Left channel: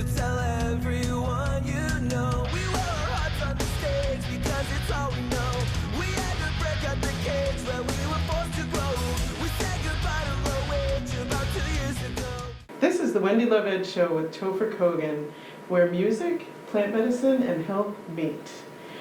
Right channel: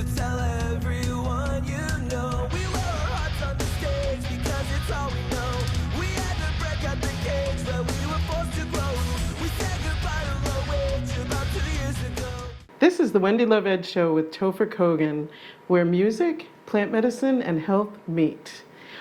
So tell everyone you know. We wear our hearts on the stage because it's all we know. We had to break out the cage where we were forced to grow. We said goodbye to low wage about 2 years ago. This is the Wendy Love Ed Show with Topher Kogen, where music, plant medicine, and health meet.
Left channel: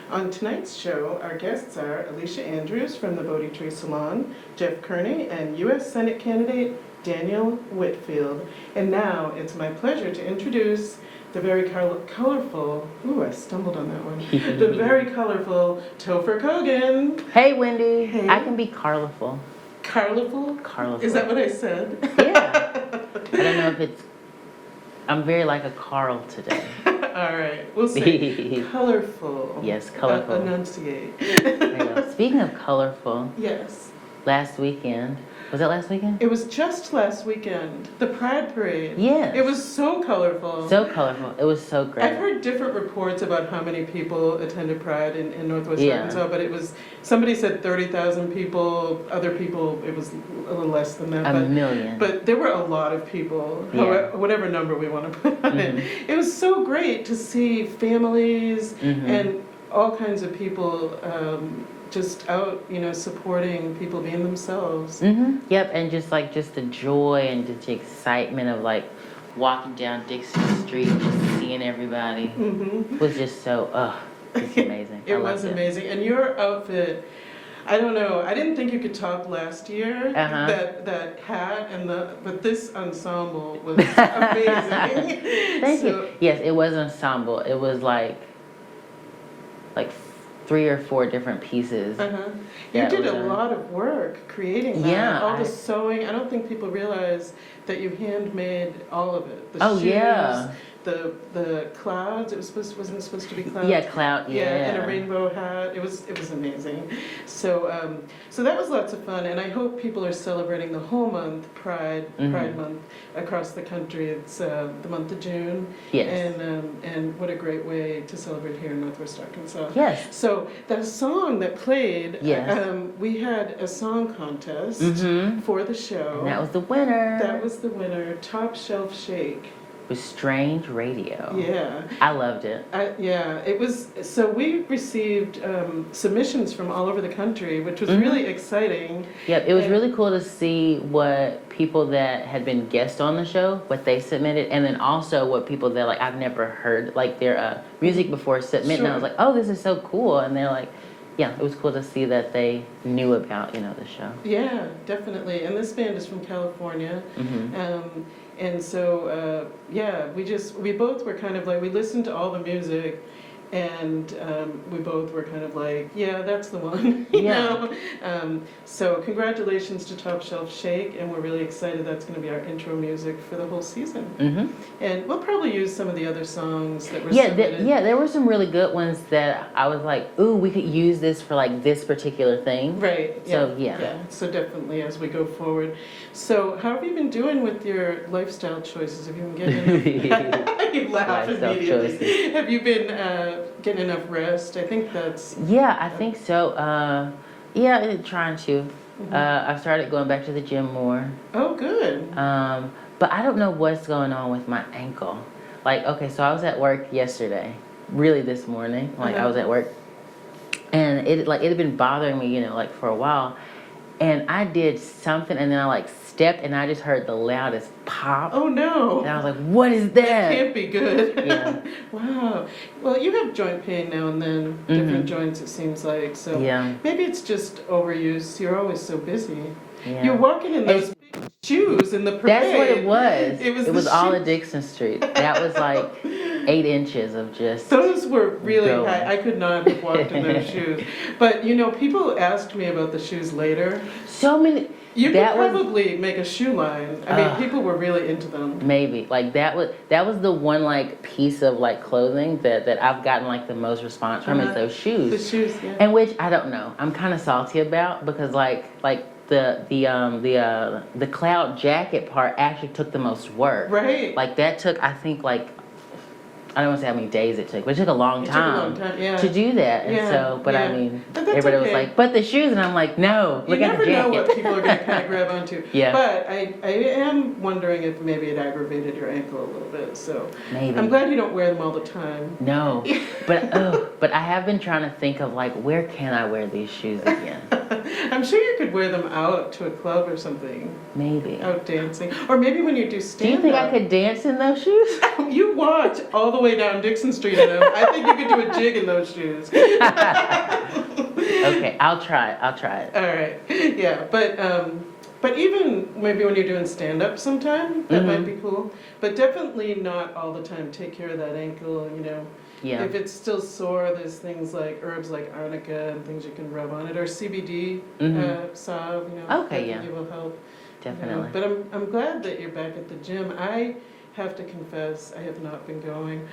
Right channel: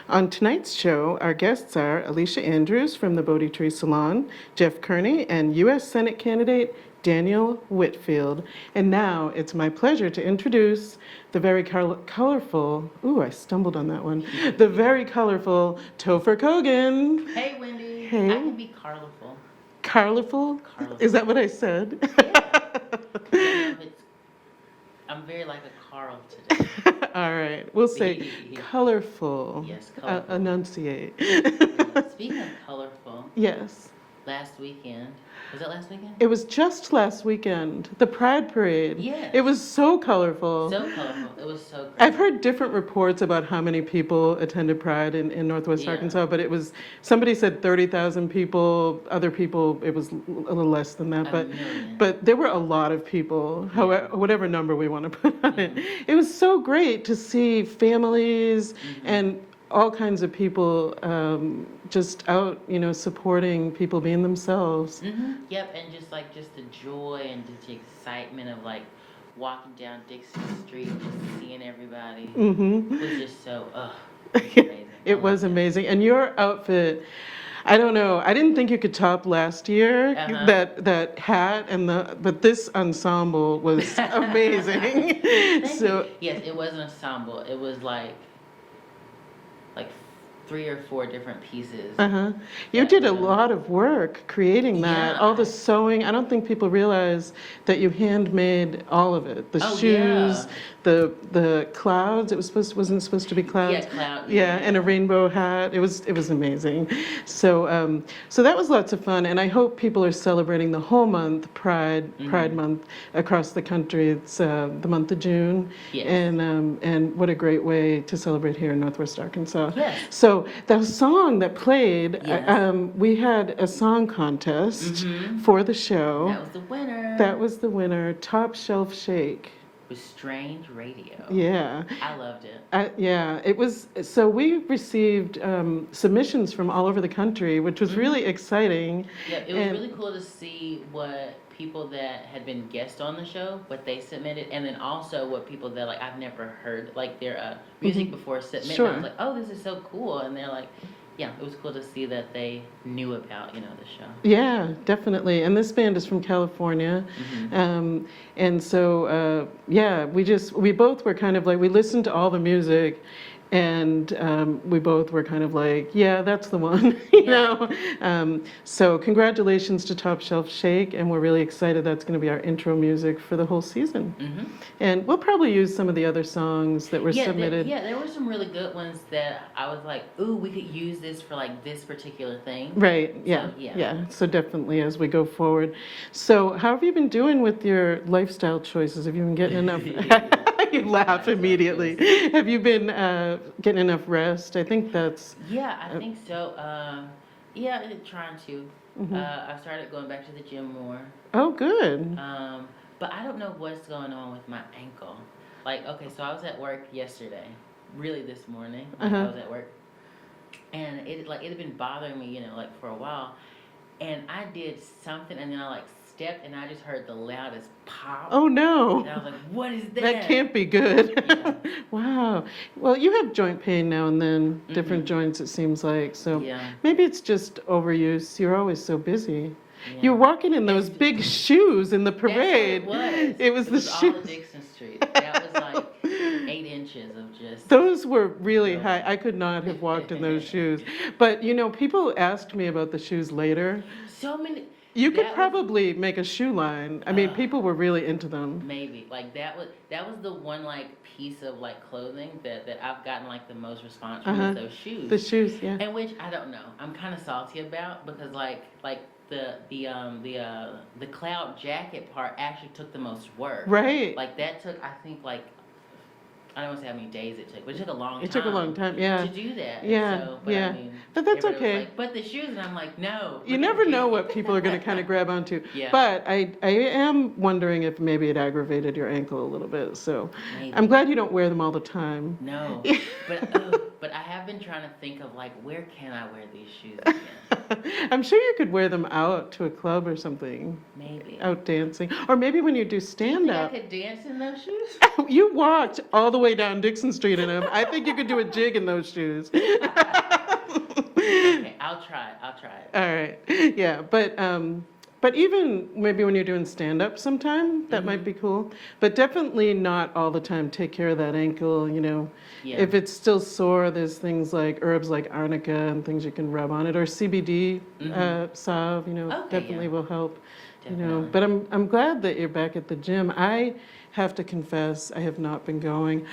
On tonight's show, our guests are Alicia Andrews from the Bodhi Tree Salon, Jeff Kearney, and U.S. Senate candidate Daniel Whitfield. And now it's my pleasure to introduce the very colorful, ooh, I stumbled on that one, the very colorful Topher Kogen. Hey, Wendy. Hey. I can be colorful. Colorful? Colorful. Is that what I said? Yeah. I don't know if it's... I'm very like a Carl today. All right, we'll say colorful. Yes, colorful. Enunciate. Speaking of colorful, Yes. last weekend, was it last weekend? It was just last weekend, the Pride Parade. Yes. It was so colorful. So colorful. It was so great. I've heard different reports about how many people attended Pride in Northwest Arkansas, but it was, somebody said 30,000 people, other people, it was a little less than that. A million. But there were a lot of people, however, whatever number we want to put on it. It was so great to see families and all kinds of people just out, supporting people being themselves. Yep, and just the joy and just the excitement of walking down Dixon Street, just seeing everybody was just so, it's amazing. It was amazing. And your outfit, I don't know, I didn't think you could top last year, that hat but this ensemble was amazing. Thank you. Yes, it was an ensemble. It was like 3 or 4 different pieces. You did a lot of work creating that. Yeah, all the sewing. I don't think people realize that you handmade all of it. The shoes, the clouds. Wasn't it supposed to be clouds? Yeah, cloud. Yeah, and a rainbow hat. It was amazing. So so that was lots of fun, and I hope people are celebrating the whole month, Pride Month, across the country. It's the month of June. Yes. And what a great way to celebrate here in Northwest Arkansas. Yes. So the song that played, Yes. we had a song contest for the show. And that was the winner. That was the winner, Top Shelf Shake. With Strange Radio. Yeah. I loved it. Yeah, it was, so we received submissions from all over the country, which was really exciting. Yep, it was really cool to see what people that had been guests on the show, what they submitted, and then also what people that I've never heard their music before submit. Sure. And I was like, oh, this is so cool. And they're like, yeah, it was cool to see that they knew about, the show. Yeah, definitely. And this band is from California. And so, yeah, we both were kind of we listened to all the music, and we both were kind of yeah, that's the one, you know? So congratulations to Top Shelf Shake, and we're really excited that's going to be our intro music for the whole season. And we'll probably use some of the other songs that were submitted. There were some really good ones that I was like, ooh, we could use this for this particular thing. Right, yeah. So, yeah. Yeah, so definitely as we go forward. So how have you been doing with your lifestyle choices? Have you been getting enough? You laugh immediately. Have you been getting enough rest? I think that's... Yeah, I think so. Trying to. I've started going back to the gym more. Oh, good. But I don't know what's going on with my ankle. Okay, so I was at work yesterday, really this morning. I was at work, and it had been bothering me, for a while. And I did something, and then I stepped, and I just heard the loudest pop. Oh no! And I was like, "What is that?" That can't be good. Yeah. Wow. Well, you have joint pain now and then, different joints. It seems like so. Yeah. Maybe it's just overuse. You're always so busy. Yeah. You're walking in those big shoes in the parade. That's what it was. It was all at shoes. Dixon Street. That was 8 inches of just... Those were really going. high. I could not have walked in those shoes. But, people asked me about the shoes later. So many... You could probably make a shoe line. I mean, people were really into them. Maybe. That was the one, piece of, clothing that I've gotten, the most response from is those shoes. The shoes, yeah. And which, I don't know, I'm kind of salty about because, the cloud jacket part actually took the most work. Right. That took, I think, I don't want to say how many days it took, but it took a long It time. took a long time, yeah. To do that. And Yeah, so, but yeah. I mean, But that's everybody okay. was like, but the shoes, and I'm like, no, You look at never the know jacket. what people are going to kind of grab onto. Yeah. But I am wondering if maybe it aggravated your ankle a little bit. So Maybe. I'm glad you don't wear them all the time. No, but I have been trying to think of like, where can I wear these shoes again? I'm sure you could wear them out to a club or something, Maybe. out dancing. Or maybe when you do Do you stand think I up. could dance in those shoes? You walked all the way down Dixon Street in them. I think you could do a jig in those shoes. Okay, I'll try it. All right. Yeah, but even maybe when you're doing stand up sometime, that might be cool. But definitely not all the time. Take care of that ankle, you know. Yeah. If it's still sore, there's things like herbs like arnica and things you can rub on it, or CBD salve, you know, Okay, definitely will help. Definitely. You know. But I'm glad that you're back at the gym. I have to confess, I have not been going.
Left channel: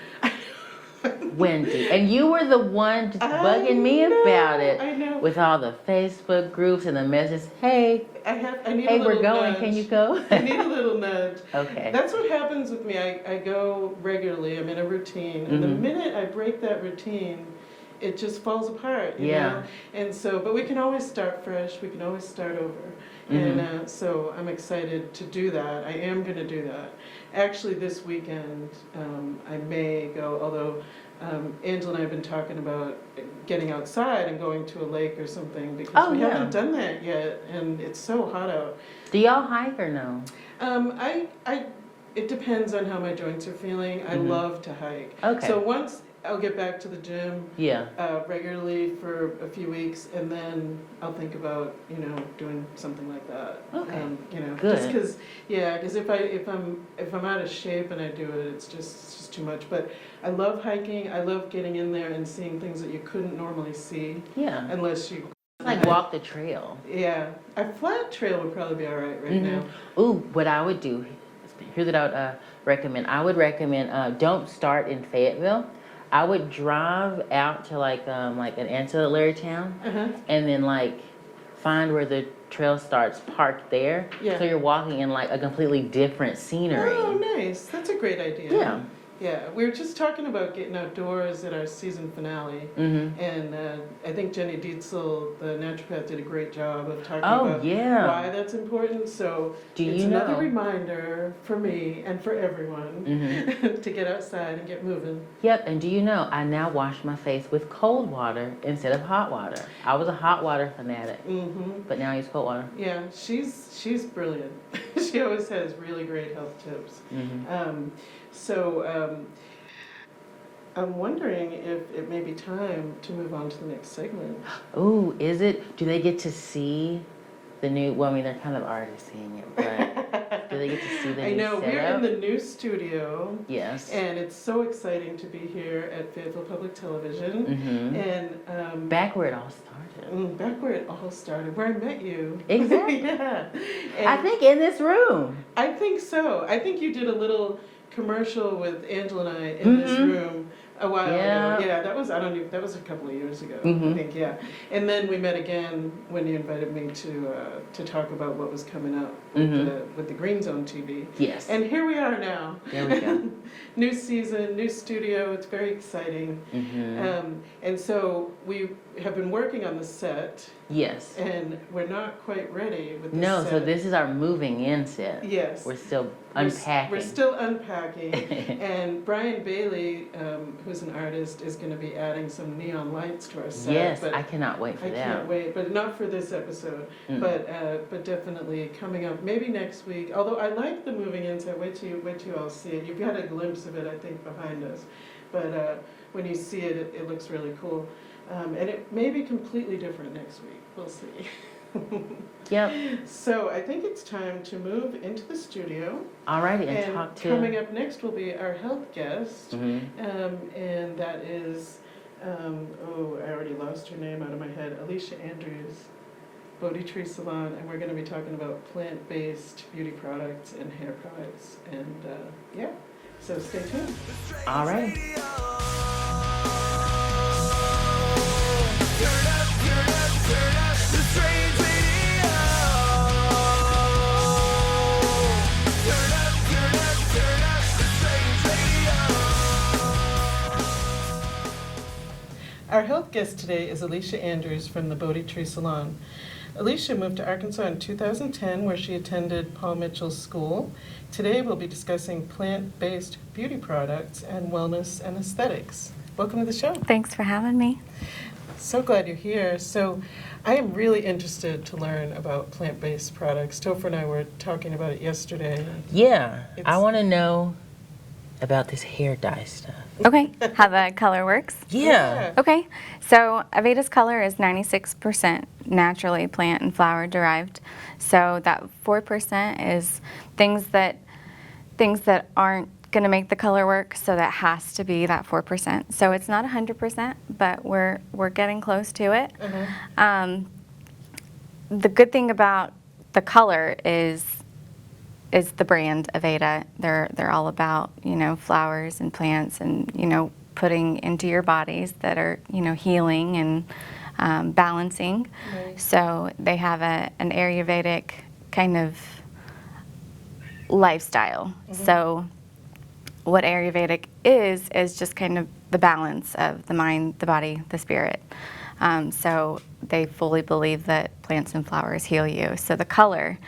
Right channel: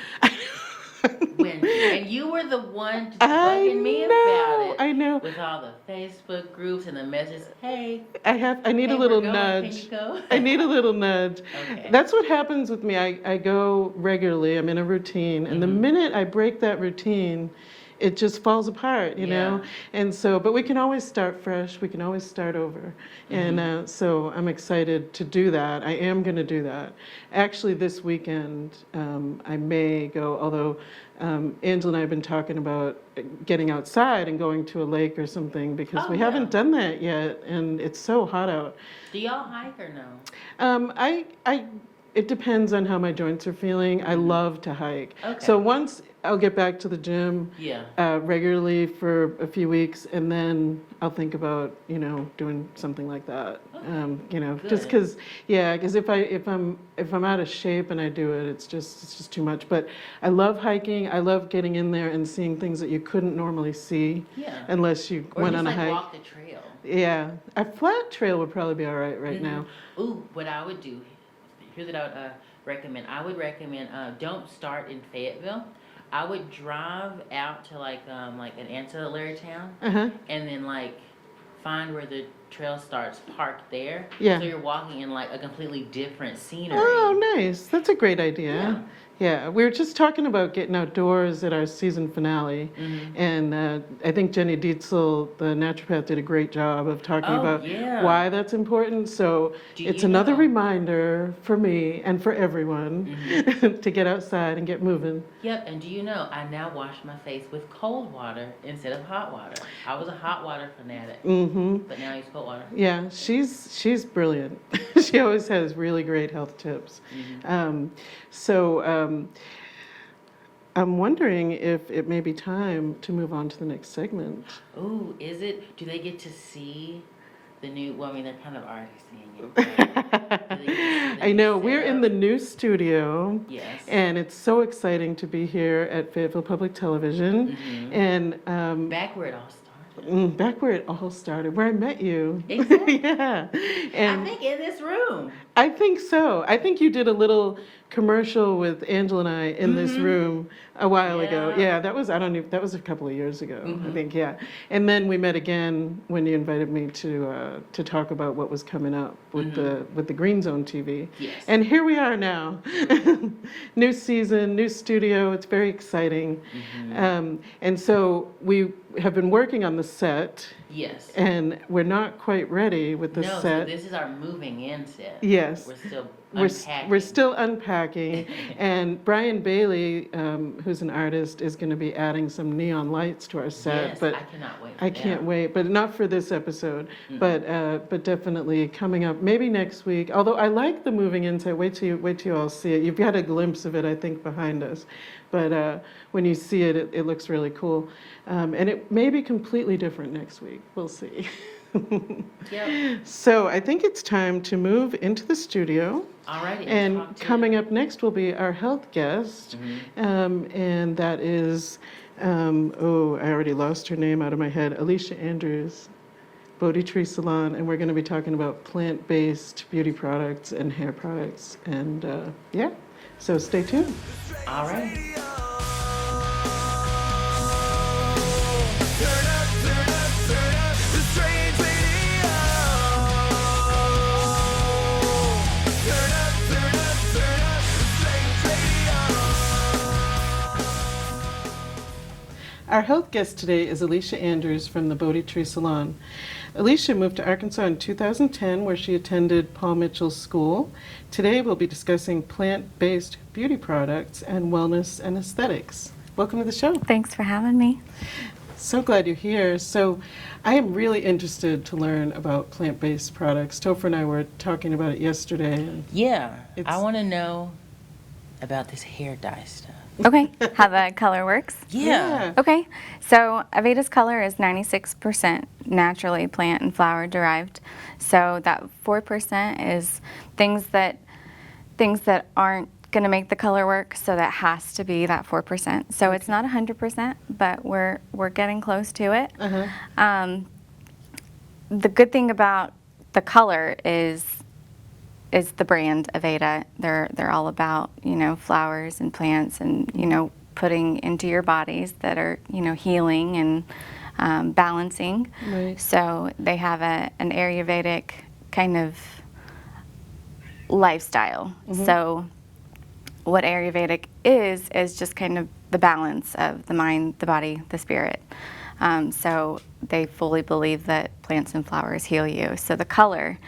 Wendy, and you were the one just I bugging me know, about it. I know. With all the Facebook groups and the messages, hey, I need hey, a little we're going, nudge. can you go? I need a little nudge. Okay. That's what happens with me. I go regularly. I'm in a routine, and the minute I break that routine, it just falls apart, you know? And so, but we can always start fresh. We can always start over. And so I'm excited to do that. I am going to do that. Actually, this weekend, I may go, although Angela and I have been talking about getting outside and going to a lake or something, because we haven't done that yet, and it's so hot out. Do y'all hike or no? It depends on how my joints are feeling. I love to hike. Okay. So once I'll get back to the gym regularly for a few weeks, and then I'll think about, you know, doing something like that. Okay. You know, Good. just because, because if I'm out of shape and I do it, it's just too much. But I love hiking. I love getting in there and seeing things that you couldn't normally see. Yeah. Unless you Or went just on a like hike. walk the trail. Yeah, a flat trail would probably be all right now. Ooh, what I would do, here's what I would recommend. I would recommend don't start in Fayetteville. I would drive out to like an ancillary town, and then like find where the trail starts, parked there. Yeah. So you're walking in like a completely different scenery. Oh, nice. That's a great idea. Yeah. Yeah, we were just talking about getting outdoors at our season finale, and I think Jenny Dietzel, the naturopath, did a great job of talking about why that's important. So it's another reminder for me and for everyone to get outside and get moving. Yep, and do you know, I now wash my face with cold water instead of hot water. I was a hot water fanatic, but now I use cold water. Yeah, she's brilliant. She always has really great health tips. So I'm wondering if it may be time to move on to the next segment. Ooh, is it? Do they get to see the new? Well, I mean, they're kind of already seeing it. But do they get to see the I new know, we're in setup? the new studio. Yes. And it's so exciting to be here at Fayetteville Public Television. And Back where it all started. back where it all started, where I met you. Exactly. Yeah. I And think in this room. I think so. I think you did a little commercial with Angela and I in this room a while ago. Yeah, that was, I don't know, that was a couple of years ago, I think, yeah. And then we met again when you invited me to talk about what was coming up with the Green Zone TV. Yes. And here we are now. There we go. New season, new studio, it's very exciting. And so we have been working on the set, Yes. and we're not quite ready with the No, set. so this is our moving in set. Yes. We're still We're unpacking. we're still unpacking, and Brian Bailey, who's an artist, is going to be adding some neon lights to our set. Yes, but I cannot wait for I that. can't wait, but not for this episode. But definitely coming up, maybe next week. Although I like the moving in set. Wait till you all see it. You've got a glimpse of it, I think, behind us. But when you see it, it looks really cool, and it may be completely different next week. We'll see. Yep. So I think it's time to move into the studio. All right. And talk to... coming up next will be our health guest, and that is, I already lost her name out of my head, Alicia Andrews, Bodhi Tree Salon, and we're going to be talking about plant-based beauty products and hair products, and so stay tuned. All right. Turn up, turn up, turn up the strange radio. Turn up, turn up, turn up the strange radio. health guest today is Alicia Andrews from the Bodhi Tree Salon. Alicia moved to Arkansas in 2010, where she attended Paul Mitchell's school. Today we'll be discussing plant-based beauty products and wellness and aesthetics. Welcome to the show. Thanks for having me. So glad you're here. So I am really interested to learn about plant-based products. Topher and I were talking about it yesterday. Yeah, It's- I want to know about this hair dye stuff. Okay, how the color works. Yeah. Okay, so Aveda's color is 96% naturally plant and flower derived. So that 4% is things that aren't going to make the color work. So that has to be that 4%. So it's not 100%, but we're getting close to it. The good thing about the color is the brand Aveda. They're all about, flowers and plants and, putting into your bodies that are, healing and balancing. Right. So they have an Ayurvedic kind of lifestyle. So what Ayurvedic is just kind of the balance of the mind, the body, the spirit. So they fully believe that plants and flowers heal you. So the color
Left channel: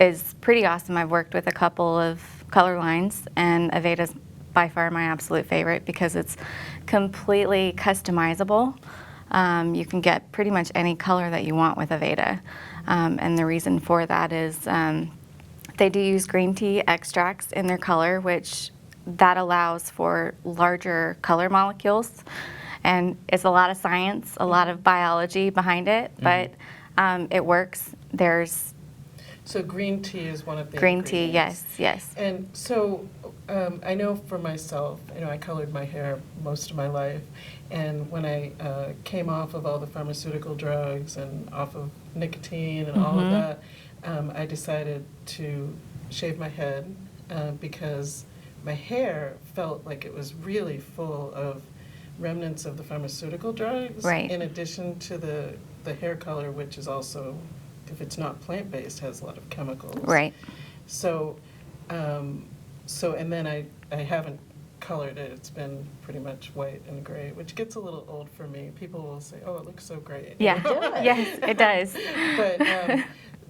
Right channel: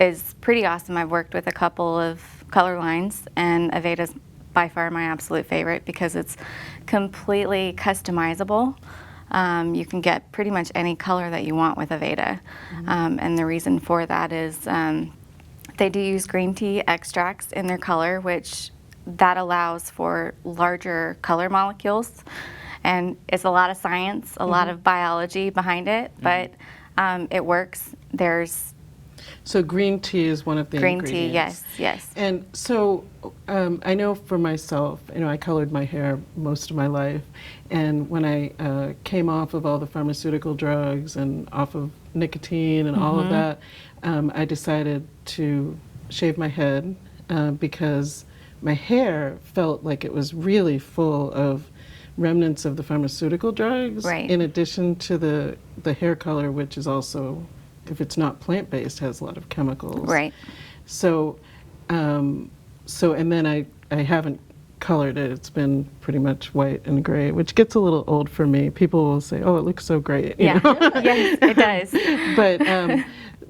is pretty awesome. I've worked with a couple of color lines, and Aveda's by far my absolute favorite because it's completely customizable. You can get pretty much any color that you want with Aveda. And the reason for that is they do use green tea extracts in their color, which that allows for larger color molecules. And it's a lot of science, a lot of biology behind it, but it works. So green tea is one of the Green tea, ingredients. yes. And so I know for myself, I colored my hair most of my life. And when I came off of all the pharmaceutical drugs and off of nicotine and all of that, I decided to shave my head because my hair felt like it was really full of remnants of the pharmaceutical drugs. Right. In addition to the hair color, which is also, if it's not plant-based, has a lot of chemicals. Right. So, and then I haven't colored it. It's been pretty much white and gray, which gets a little old for me. People will say, "Oh, it looks so great." you Yeah, know? yes, it does.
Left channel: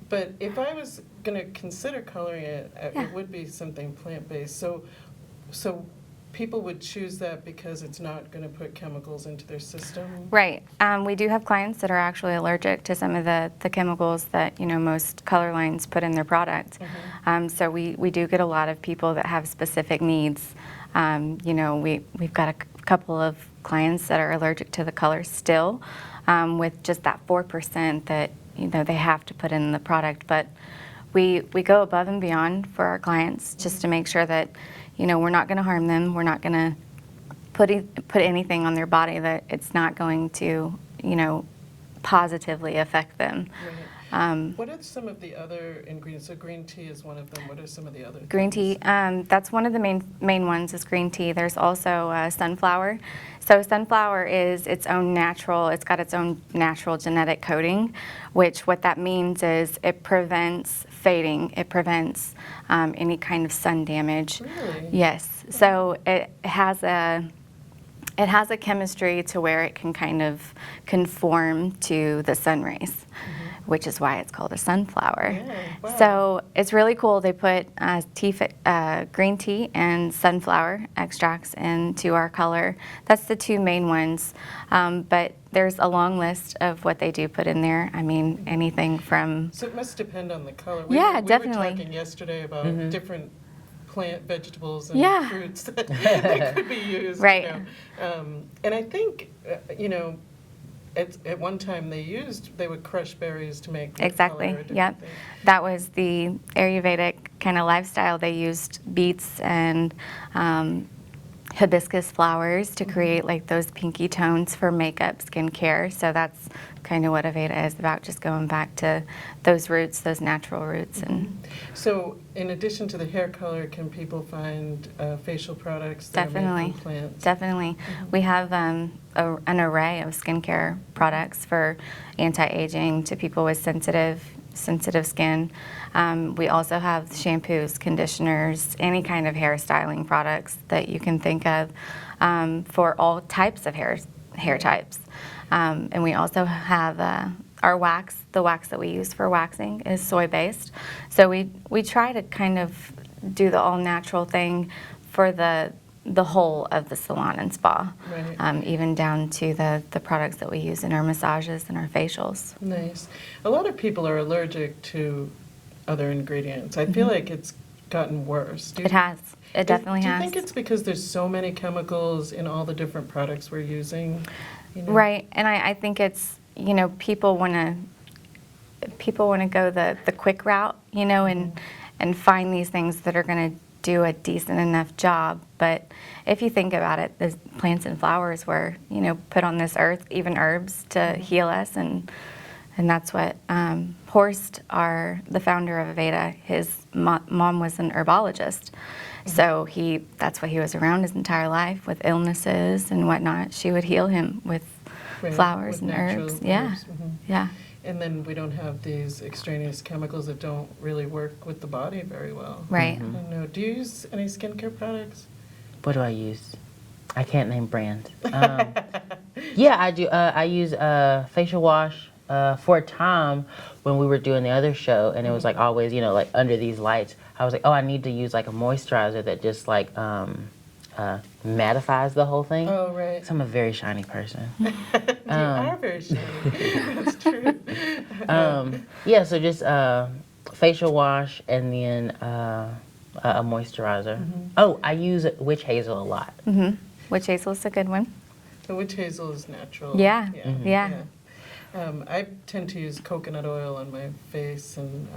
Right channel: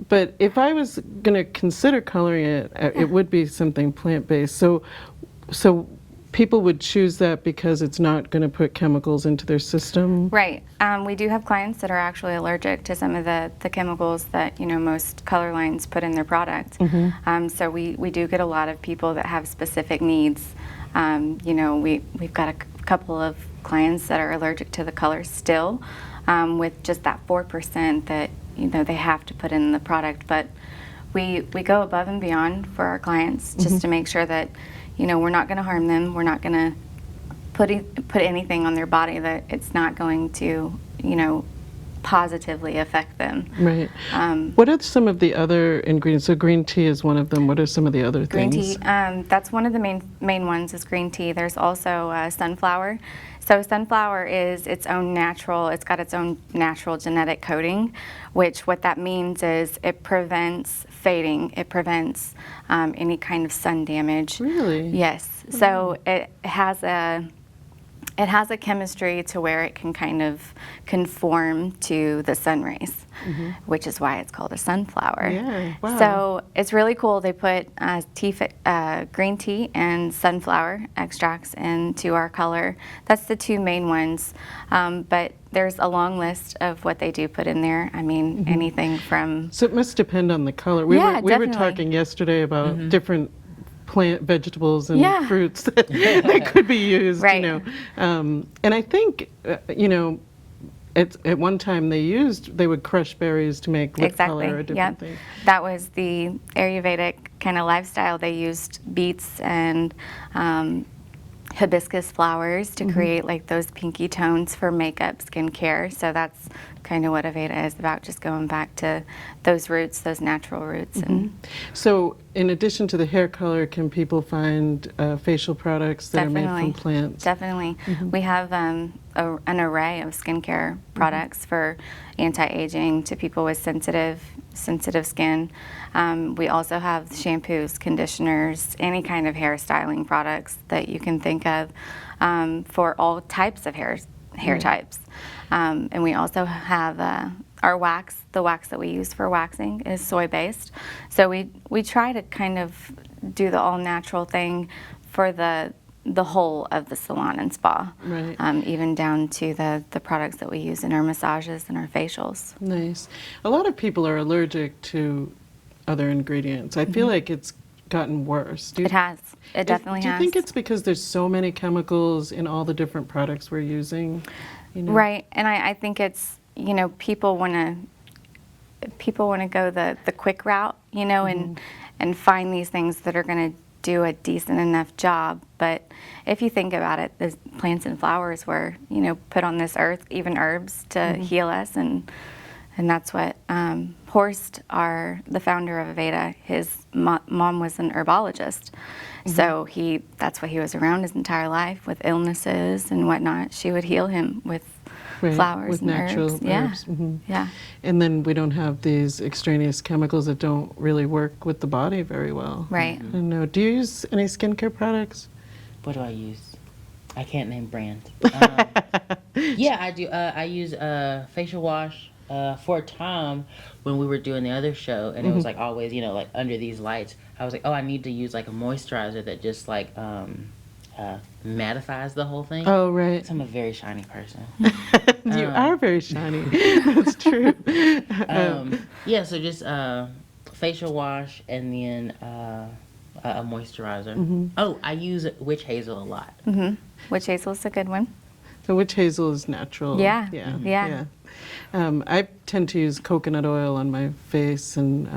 But if I was going to consider coloring it, it would be something plant-based. So people would choose that because it's not going to put chemicals into their system. Right. We do have clients that are actually allergic to some of the chemicals that most color lines put in their product. So we do get a lot of people that have specific needs. We've got a couple of clients that are allergic to the color still, with just that 4% that they have to put in the product. But we go above and beyond for our clients just to make sure that we're not going to harm them. We're not going to put anything on their body that it's not going to positively affect them. Right. What are some of the other ingredients? So green tea is one of them. What are some of the other Green things? tea, that's one of the main ones is green tea. There's also sunflower. So sunflower is it's got its own natural genetic coding, which what that means is it prevents fading. It prevents any kind of sun damage. Really? Yes. So it has a chemistry to where it can kind of conform to the sun rays, which is why it's called a sunflower. Yeah, wow. So it's really cool. They put green tea and sunflower extracts into our color. That's the two main ones. But there's a long list of what they do put in there. I mean, anything from... So it must depend on the color. Yeah, we definitely. were talking yesterday about different plant vegetables and Yeah. fruits that could be used. Right. And I think at one time they would crush berries to make lip Exactly. color or different Yep. things. That was the Ayurvedic kind of lifestyle. They used beets and hibiscus flowers to create like those pinky tones for makeup, skincare. So that's kind of what Aveda is about, just going back to those roots, those natural roots. And So in addition to the hair color, can people find facial products that are made definitely, from plants? definitely. We have an array of skincare products for anti-aging to people with sensitive skin. We also have shampoos, conditioners, any kind of hair styling products that you can think of for all types of hair hair types. And we also have our wax. The wax that we use for waxing is soy-based. So we try to kind of do the all-natural thing for the whole of the salon and spa, Right. even down to the products that we use in our massages and our facials. Nice. A lot of people are allergic to other ingredients. I feel like it's gotten worse. It has. It definitely Do you has. think it's because there's so many chemicals in all the different products we're using? You know? Right, and I think it's, people want to go the quick route, and find these things that are going to do a decent enough job. But if you think about it, the plants and flowers were, put on this earth, even herbs, to heal us, and that's what Horst, the founder of Aveda, his mom was an herbologist. So that's what he was around his entire life with illnesses and whatnot. She would heal him with flowers with and natural herbs. Yeah, herbs. Mhm. yeah. And then we don't have these extraneous chemicals that don't really work with the body very well. Right. I don't know. Do you use any skincare products? What do I use? I can't name brands. Yeah, I do. I use facial wash for a time when we were doing the other show, and it was like always, like under these lights. I was like, oh, I need to use like a moisturizer that just like mattifies the whole thing. Oh, right. So I'm a very shiny person. You are very shiny. That's true. Yeah, so just facial wash and then a moisturizer. Oh, I use witch hazel a lot. Witch hazel is a good one. The witch hazel is natural. Yeah, Yeah. yeah. I tend to use coconut oil on my face and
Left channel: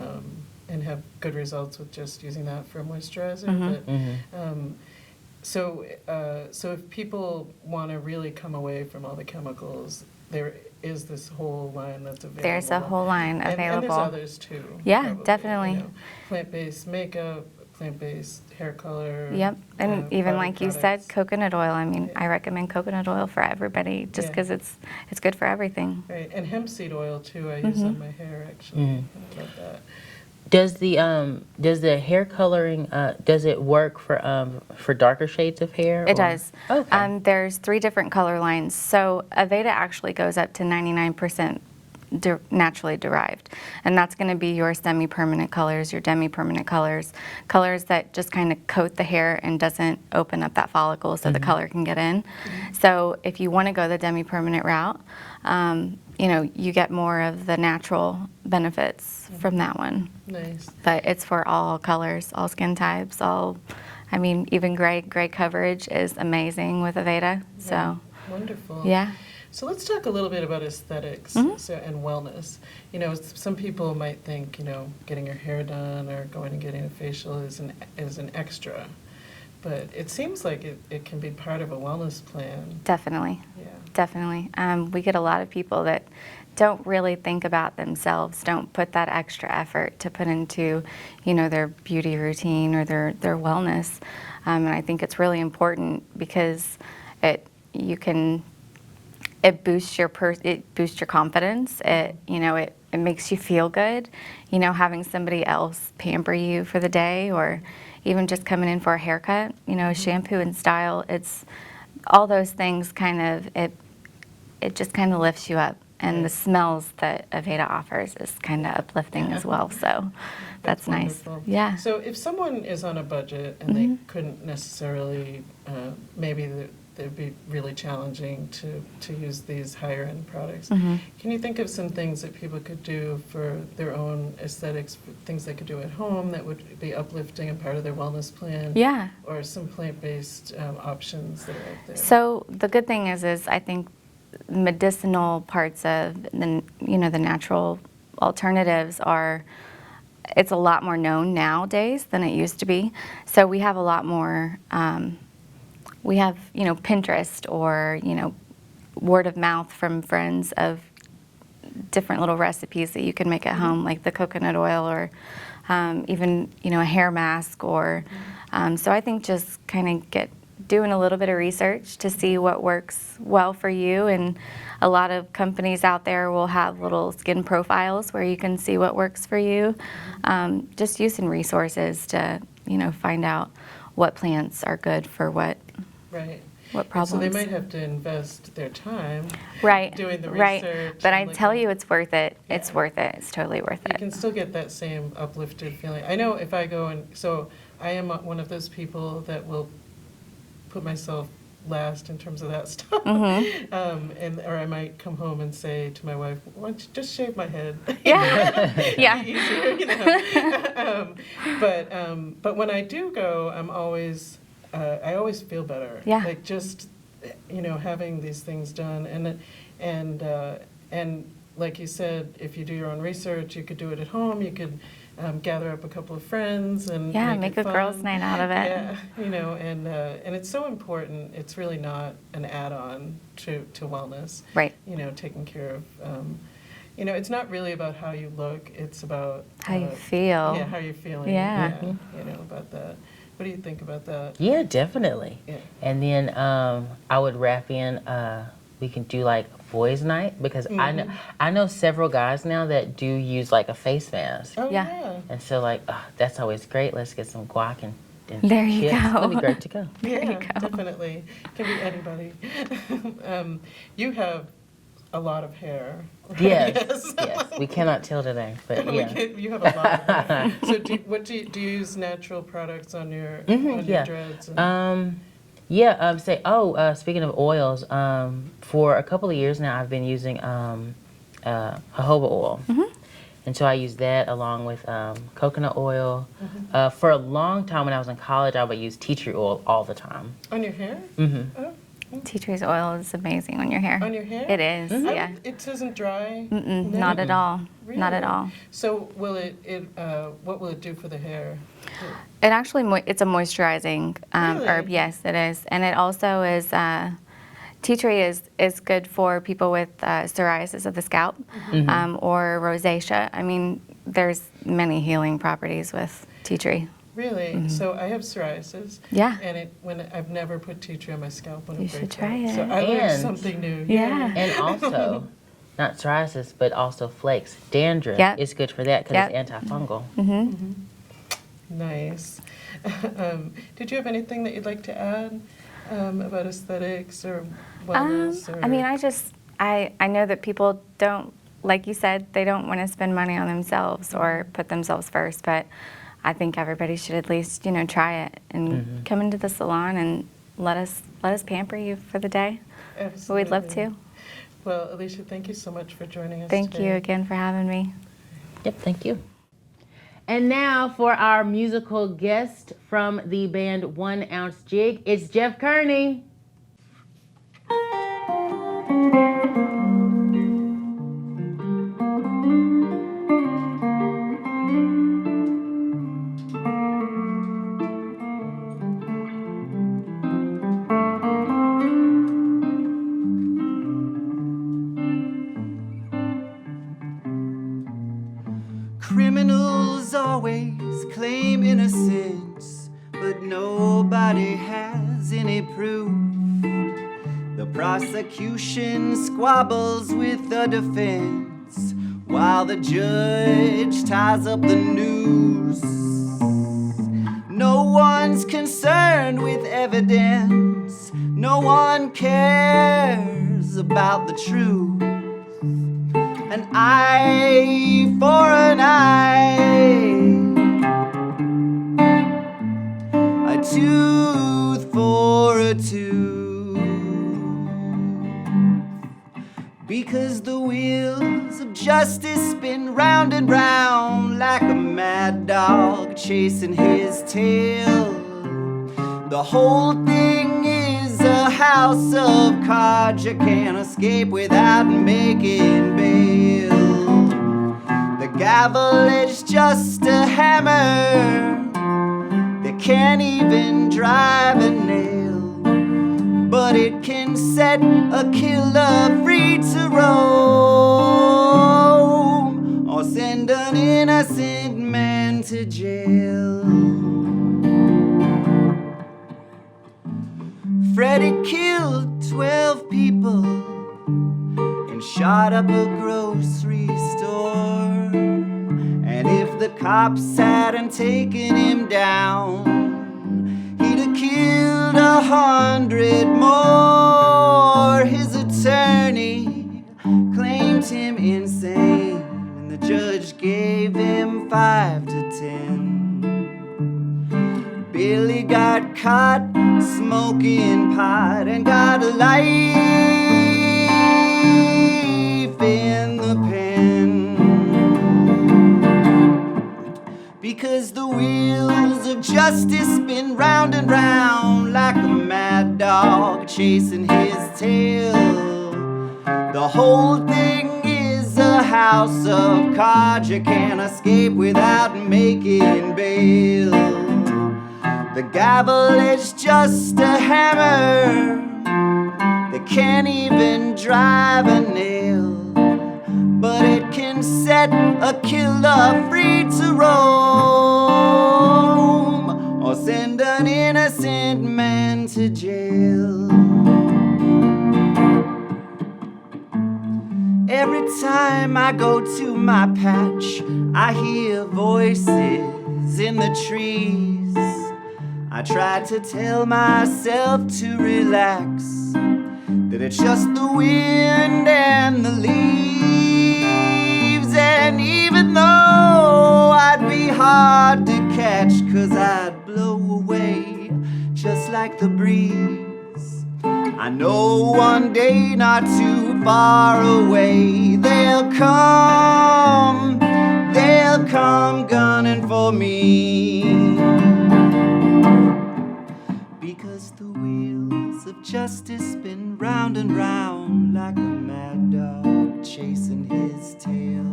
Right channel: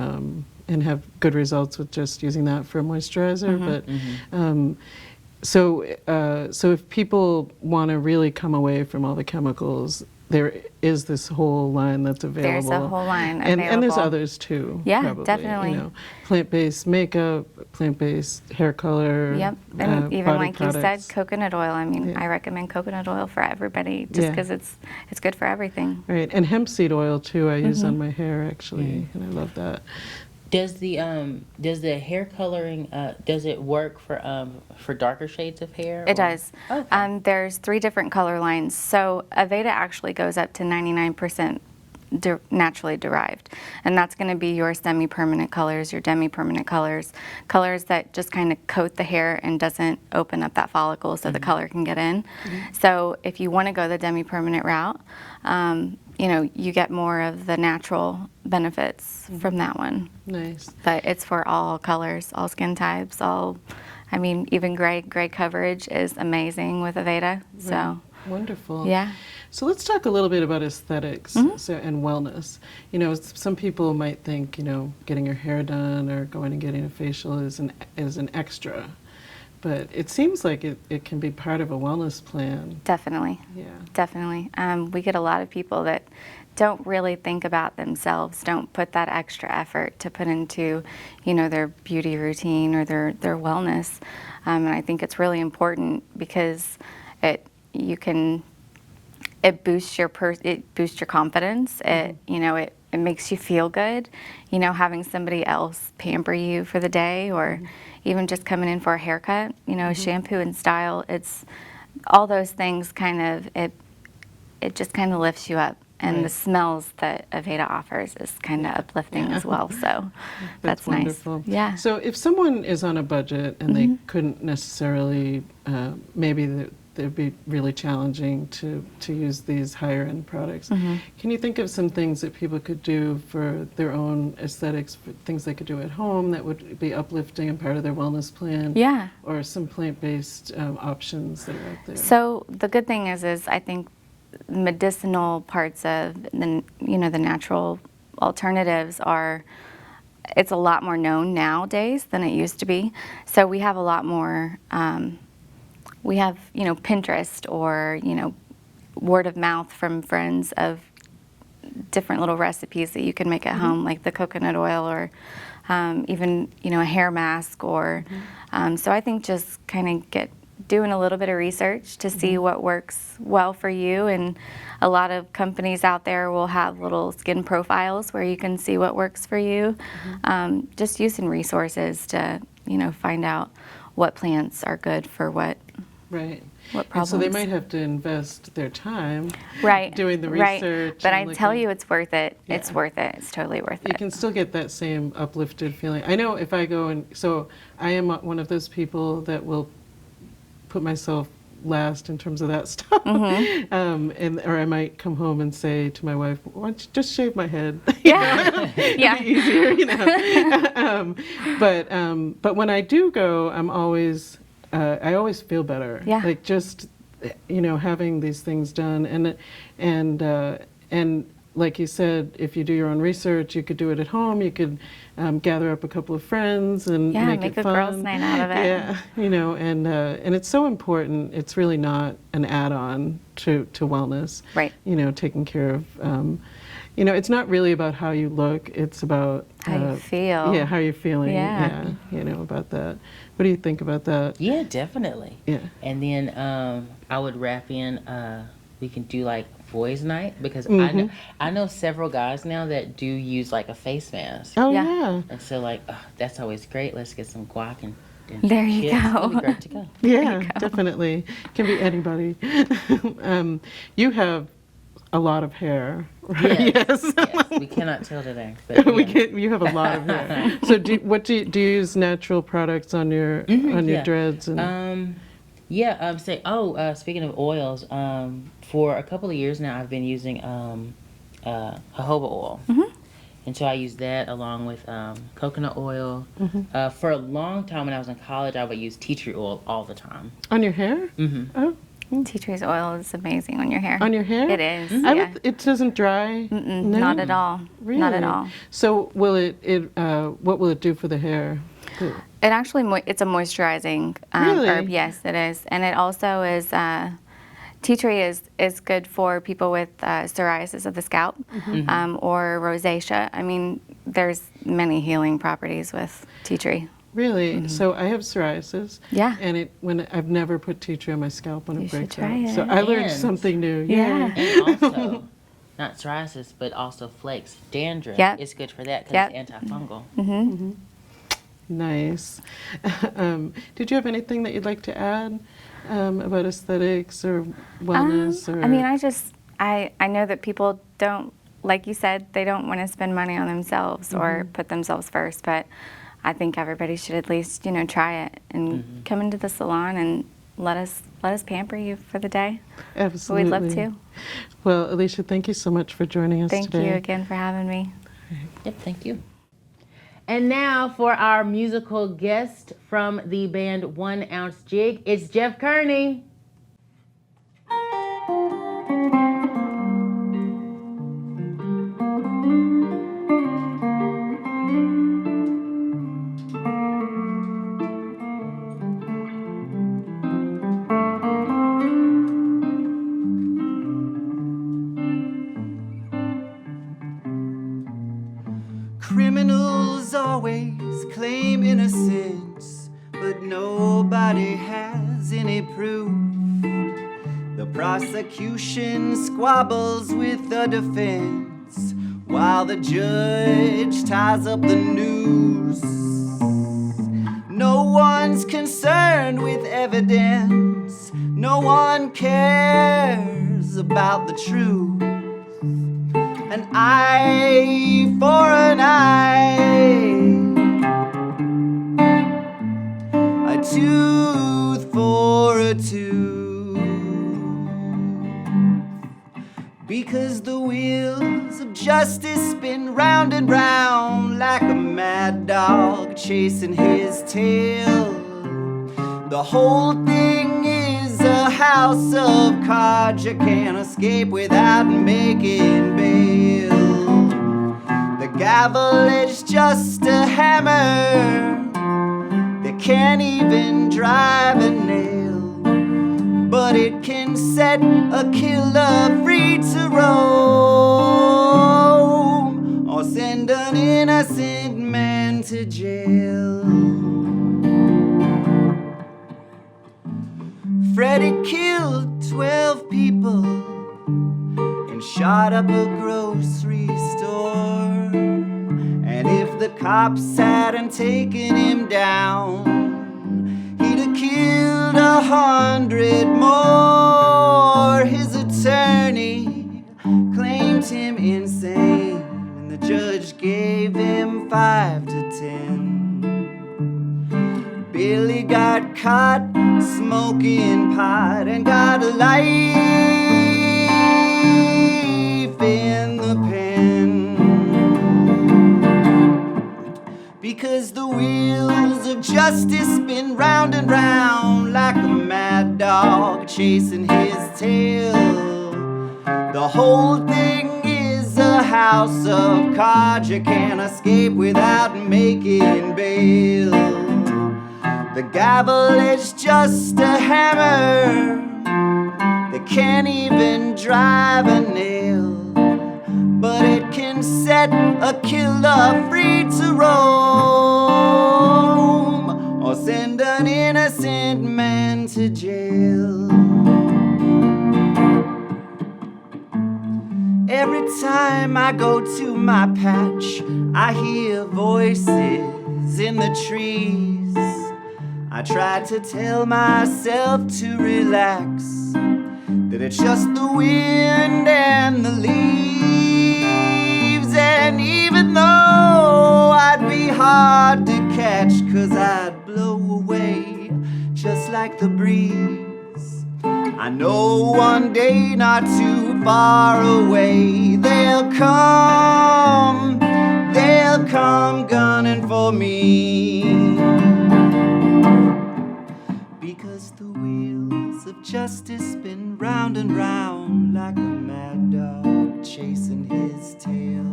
have good results with just using that for moisturizer. But so if people want to really come away from all the chemicals, there is this whole line that's available. There's a whole line available. And there's others too. Yeah, probably, definitely. Plant-based makeup, plant-based hair color. Yep, and even body like you said, products. coconut oil. I mean, Yeah. I recommend coconut oil for everybody just Yeah. because it's good for everything. Right, and hemp seed oil too. I use on my hair actually, and I love that. Does the hair coloring does it work for darker shades of hair? It does. Okay. There's 3 different color lines. So Aveda actually goes up to 99% naturally derived, and that's going to be your semi-permanent colors, your demi-permanent colors that just kind of coat the hair and doesn't open up that follicle so the color can get in. So if you want to go the demi-permanent route, you get more of the natural benefits from that one. Nice. But it's for all colors, all skin types, even gray coverage is amazing with Aveda. So, Wonderful. yeah. So let's talk a little bit about aesthetics and wellness. Some people might think, getting your hair done or going and getting a facial is an extra. But it seems like it can be part of a wellness plan. Definitely. Yeah. Definitely. We get a lot of people that don't really think about themselves, don't put that extra effort to put into, their beauty routine or their wellness. And I think it's really important because it boosts your confidence. It makes you feel good. Having somebody else pamper you for the day, or even just coming in for a haircut. Shampoo and style. It's all those things. It just kind of lifts you up. And the smells that Aveda offers is kind of uplifting as well. So that's nice. Wonderful. Yeah. So if someone is on a budget and they couldn't necessarily, maybe it'd be really challenging to use these higher end products. Can you think of some things that people could do for their own aesthetics, things they could do at home that would be uplifting and part of their wellness plan? Yeah. Or some plant-based options that are out there? So the good thing is I think medicinal parts of the natural alternatives it's a lot more known nowadays than it used to be. So we have a lot more, we have, Pinterest or, word of mouth from friends of different little recipes that you can make at home, like the coconut oil or even, a hair mask or, so I think just kind of doing a little bit of research to see what works well for you. And a lot of companies out there will have little skin profiles where you can see what works for you. Just using resources to, find out what plants are good for what. Right. what problems. So they might have to invest their time right, doing the right. research. But and I tell looking- you, it's worth it. It's Yeah. worth it. It's totally worth You it. can still get that same uplifted feeling. I know if I go and, so I am one of those people that will put myself last in terms of that stuff. Or I might come home and say to my wife, why don't you just shave my head? Yeah, yeah. Easier, you know. But when I do go, I always feel better. Yeah. Like just, having these things done and like you said, if you do your own research, you could do it at home. You could gather up a couple of friends and Yeah, make make it a fun. girls' night out of it. Yeah, and it's so important. It's really not an add-on to wellness. Right. Taking care of. It's not really about how you look. It's about How you feel. Yeah, how you're feeling. Yeah. About that. What do you think about that? Yeah, definitely. Yeah. And then I would wrap in, we can do like boys' night, because I know several guys now that do use like a face mask. Oh Yeah. yeah. And so like, that's always great. Let's get some guac and There you chips. go. That'd be great to go. Yeah, definitely. Can be anybody. You have a lot of hair, right? Yes. Yes. We cannot tell today, but yeah. You have a lot of hair. So do you use natural products on your yeah. dreads? And, Speaking of oils, for a couple of years now, I've been using jojoba oil. And so I use that along with coconut oil. For a long time when I was in college, I would use tea tree oil all the time. on your hair? Oh, Tea tree's oil is amazing on your hair. on your hair? It is, yeah. It doesn't dry? Mm-mm, No? not at all. Not at Really? all. So will what will it do for the hair? It actually, it's a moisturizing Really? herb. Yes, it is. And it also is, tea tree is good for people with psoriasis of the scalp or rosacea. I mean, there's many healing properties with tea tree. Really? So I have psoriasis. Yeah. And when I've never put tea tree on my scalp when You it should breaks try out. So it. I learned And- something new. Yeah. And also, not psoriasis, but also flakes, dandruff. Yep. It's good for that because Yep. it's antifungal. Nice. Did you have anything that you'd like to add about aesthetics or wellness? Or? I mean, I know that people don't, like you said, they don't want to spend money on themselves or put themselves first, but I think everybody should at least, try it and come into the salon and let us pamper you for the day. Absolutely. We'd love to. Well, Alicia, thank you so much for joining us Thank today. you again for having me. Yep, thank you. And now for our musical guest from the band 1 Ounce Jig, it's Jeff Kearney. Criminals always claim innocence, but nobody has any proof. The prosecution squabbles with the defense, while the judge ties up the noose. No one's concerned with evidence, no one cares about the truth. An eye for an eye, a tooth for a tooth, because the wheels of justice spin round and round like a mad dog chasing his tail. The whole thing is a house of cards you can't escape without making bail. The gavel is just a hammer, they can't even drive a nail, but it can set a killer free to roam, or send an innocent man to jail. Freddie killed 12 people and shot up a grocery store. And if the cops hadn't taken him down, he'd have killed 100 more. His attorney claimed him insane, and the judge gave him 5 to 10. Billy got caught smoking pot and got a life in the pen. Because the wheels of justice spin round and round like a mad dog chasing his tail. The whole thing is a house of cards. You can't escape without making bail. The gavel is just a hammer that can't even drive a nail, but it can set a killer free to roam, or send an innocent man to jail. Every time I go to my patch, I hear voices in the trees. I try to tell myself to relax, that it's just the wind and the leaves. And even though I'd be hard to catch, 'cause I'd blow away just like the breeze, I know one day not too far away they'll come gunning for me. Because the wheels of justice spin round and round like a mad dog chasing his tail.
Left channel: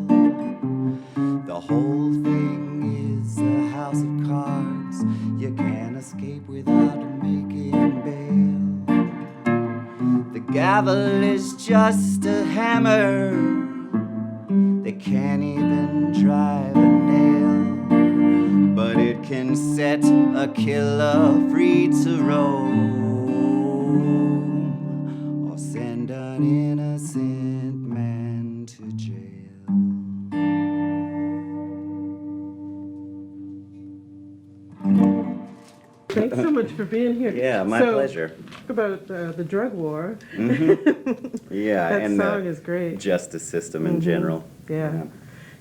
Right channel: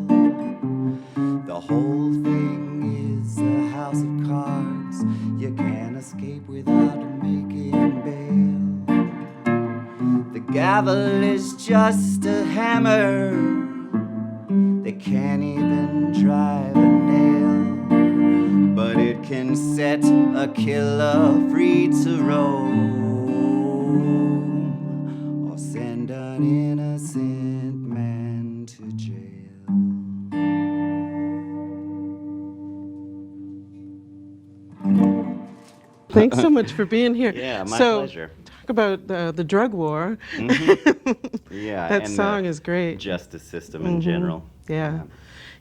The whole thing is a house of cards. You can't escape without making bail. The gavel is just a hammer that can't even drive a nail, but it can set a killer free to roam, or send an innocent man to jail. Thanks so much for being here. Yeah, my pleasure. Talk about the drug war. Yeah, That and song the is great. justice system in general.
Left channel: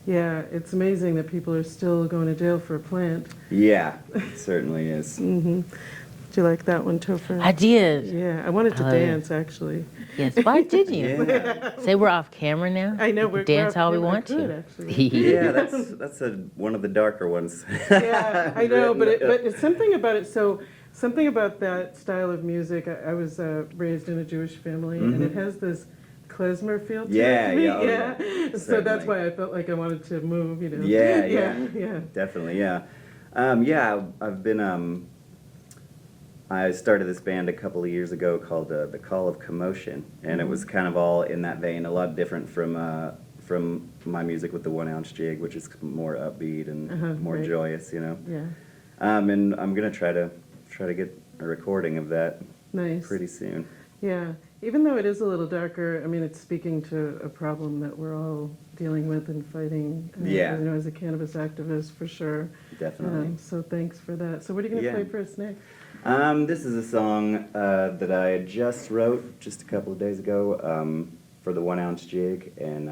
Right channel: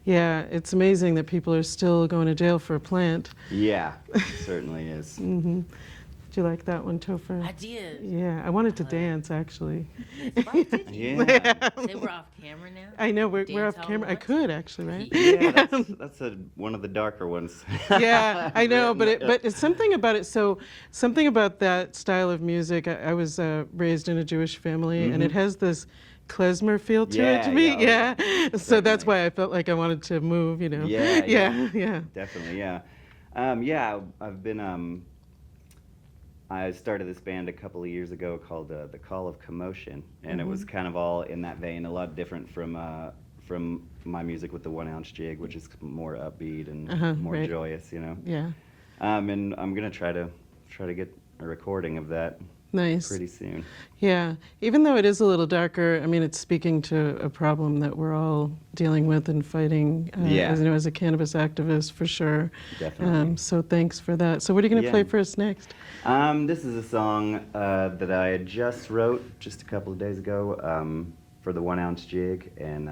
Yeah, it's amazing that people are still going to jail for a plant. Yeah, it certainly is. Did you like that one, Topher? I did. Yeah, I wanted to dance, actually. Yes. Why did you? Yeah, Say we're off camera now. I know, We we're can dance off how we camera. want I could, to. actually. yeah, that's one of the darker ones. Yeah, I know, but it's something about it. So something about that style of music. I was raised in a Jewish family, and it has this klezmer feel to it Yeah, to me. yeah, oh, Yeah, so that's certainly. why I felt like I wanted to move. You know. Yeah, yeah. Definitely, yeah. I've been, I started this band a couple of years ago called The Call of Commotion, and it was kind of all in that vein, a lot different from my music with the 1 ounce jig, which is more upbeat and more right. joyous, you know. Yeah. And I'm gonna try to get a recording of that Nice. pretty soon. Yeah, even though it is a little darker, I mean, it's speaking to a problem that we're all dealing with and fighting. Yeah. As a cannabis activist, for sure. Definitely. So thanks for that. So what are you going to Yeah. play for us next? This is a song that I just wrote just a couple of days ago for the 1 ounce jig, and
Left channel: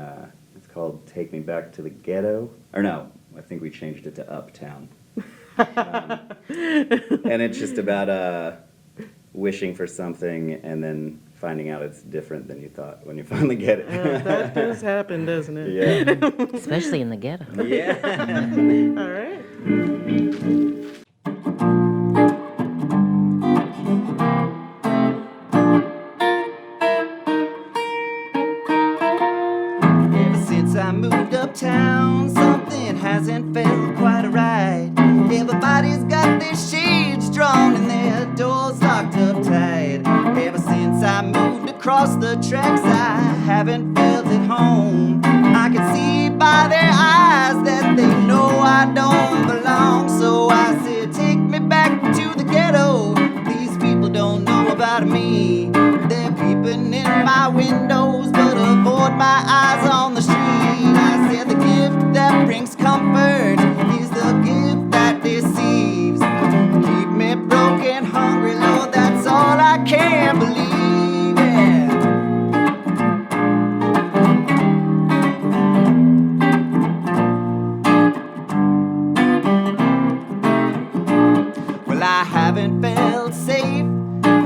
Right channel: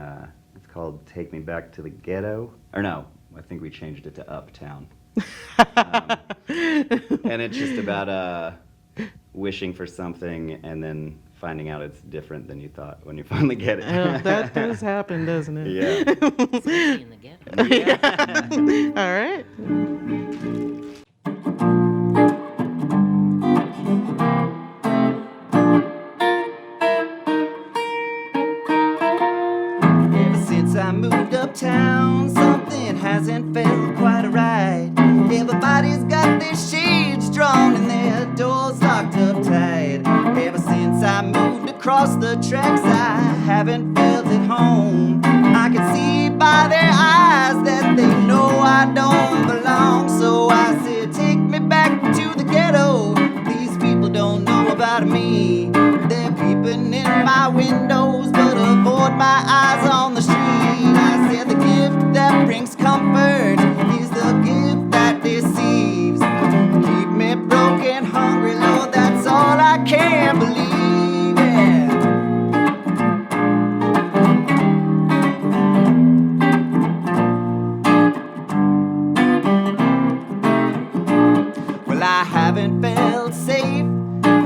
it's called "Take Me Back to the Ghetto." Or no, I think we changed it to "Uptown." And it's just about wishing for something and then finding out it's different than you thought when you finally get it. That does happen, doesn't it? Yeah. Especially in the ghetto. All right. Ever since I moved uptown, something hasn't felt quite right. Everybody's got their shades drawn and their doors locked up tight. Ever since I moved across the tracks, I haven't felt at home. I can see by their eyes that they know I don't belong. So I said, take me back to the ghetto. These people don't know about me. They're peeping in my windows, but avoid my eyes on the street. I said the gift that brings comfort is the gift that deceives. Keep me broke and hungry, Lord, that's all haven't felt safe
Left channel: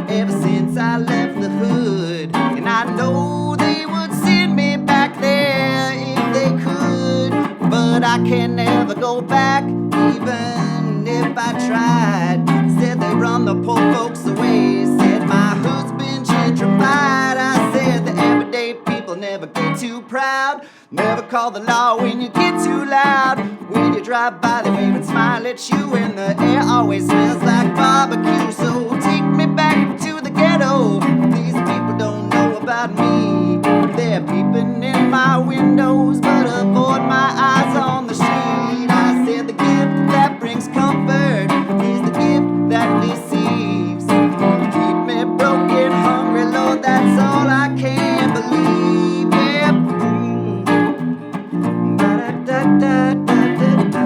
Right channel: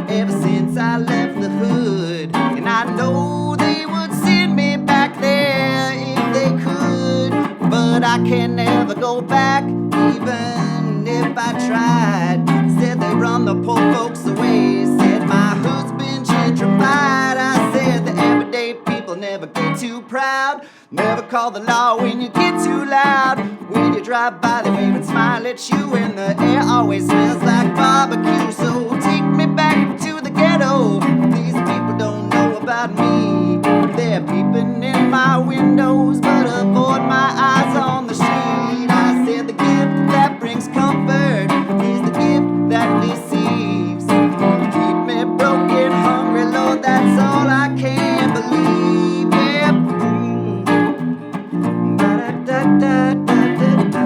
ever since I left the hood. And I know they would send me back there if they could, but I can never go back, even if I tried. Said they run the poor folks away, said my hood's been gentrified. I said the everyday people never get too proud, never call the law when you get too loud. When you drive by, they wave and smile at you, and the air always smells like barbecue. So take me back to the ghetto. These people don't know about me. They're peeping in my windows, but avoid my eyes on the street. I said the gift that brings comfort is the gift that deceives. Keep me broken, hungry, Lord, that's all I can believe. Yeah. Ba-da-da-da-da-da-da.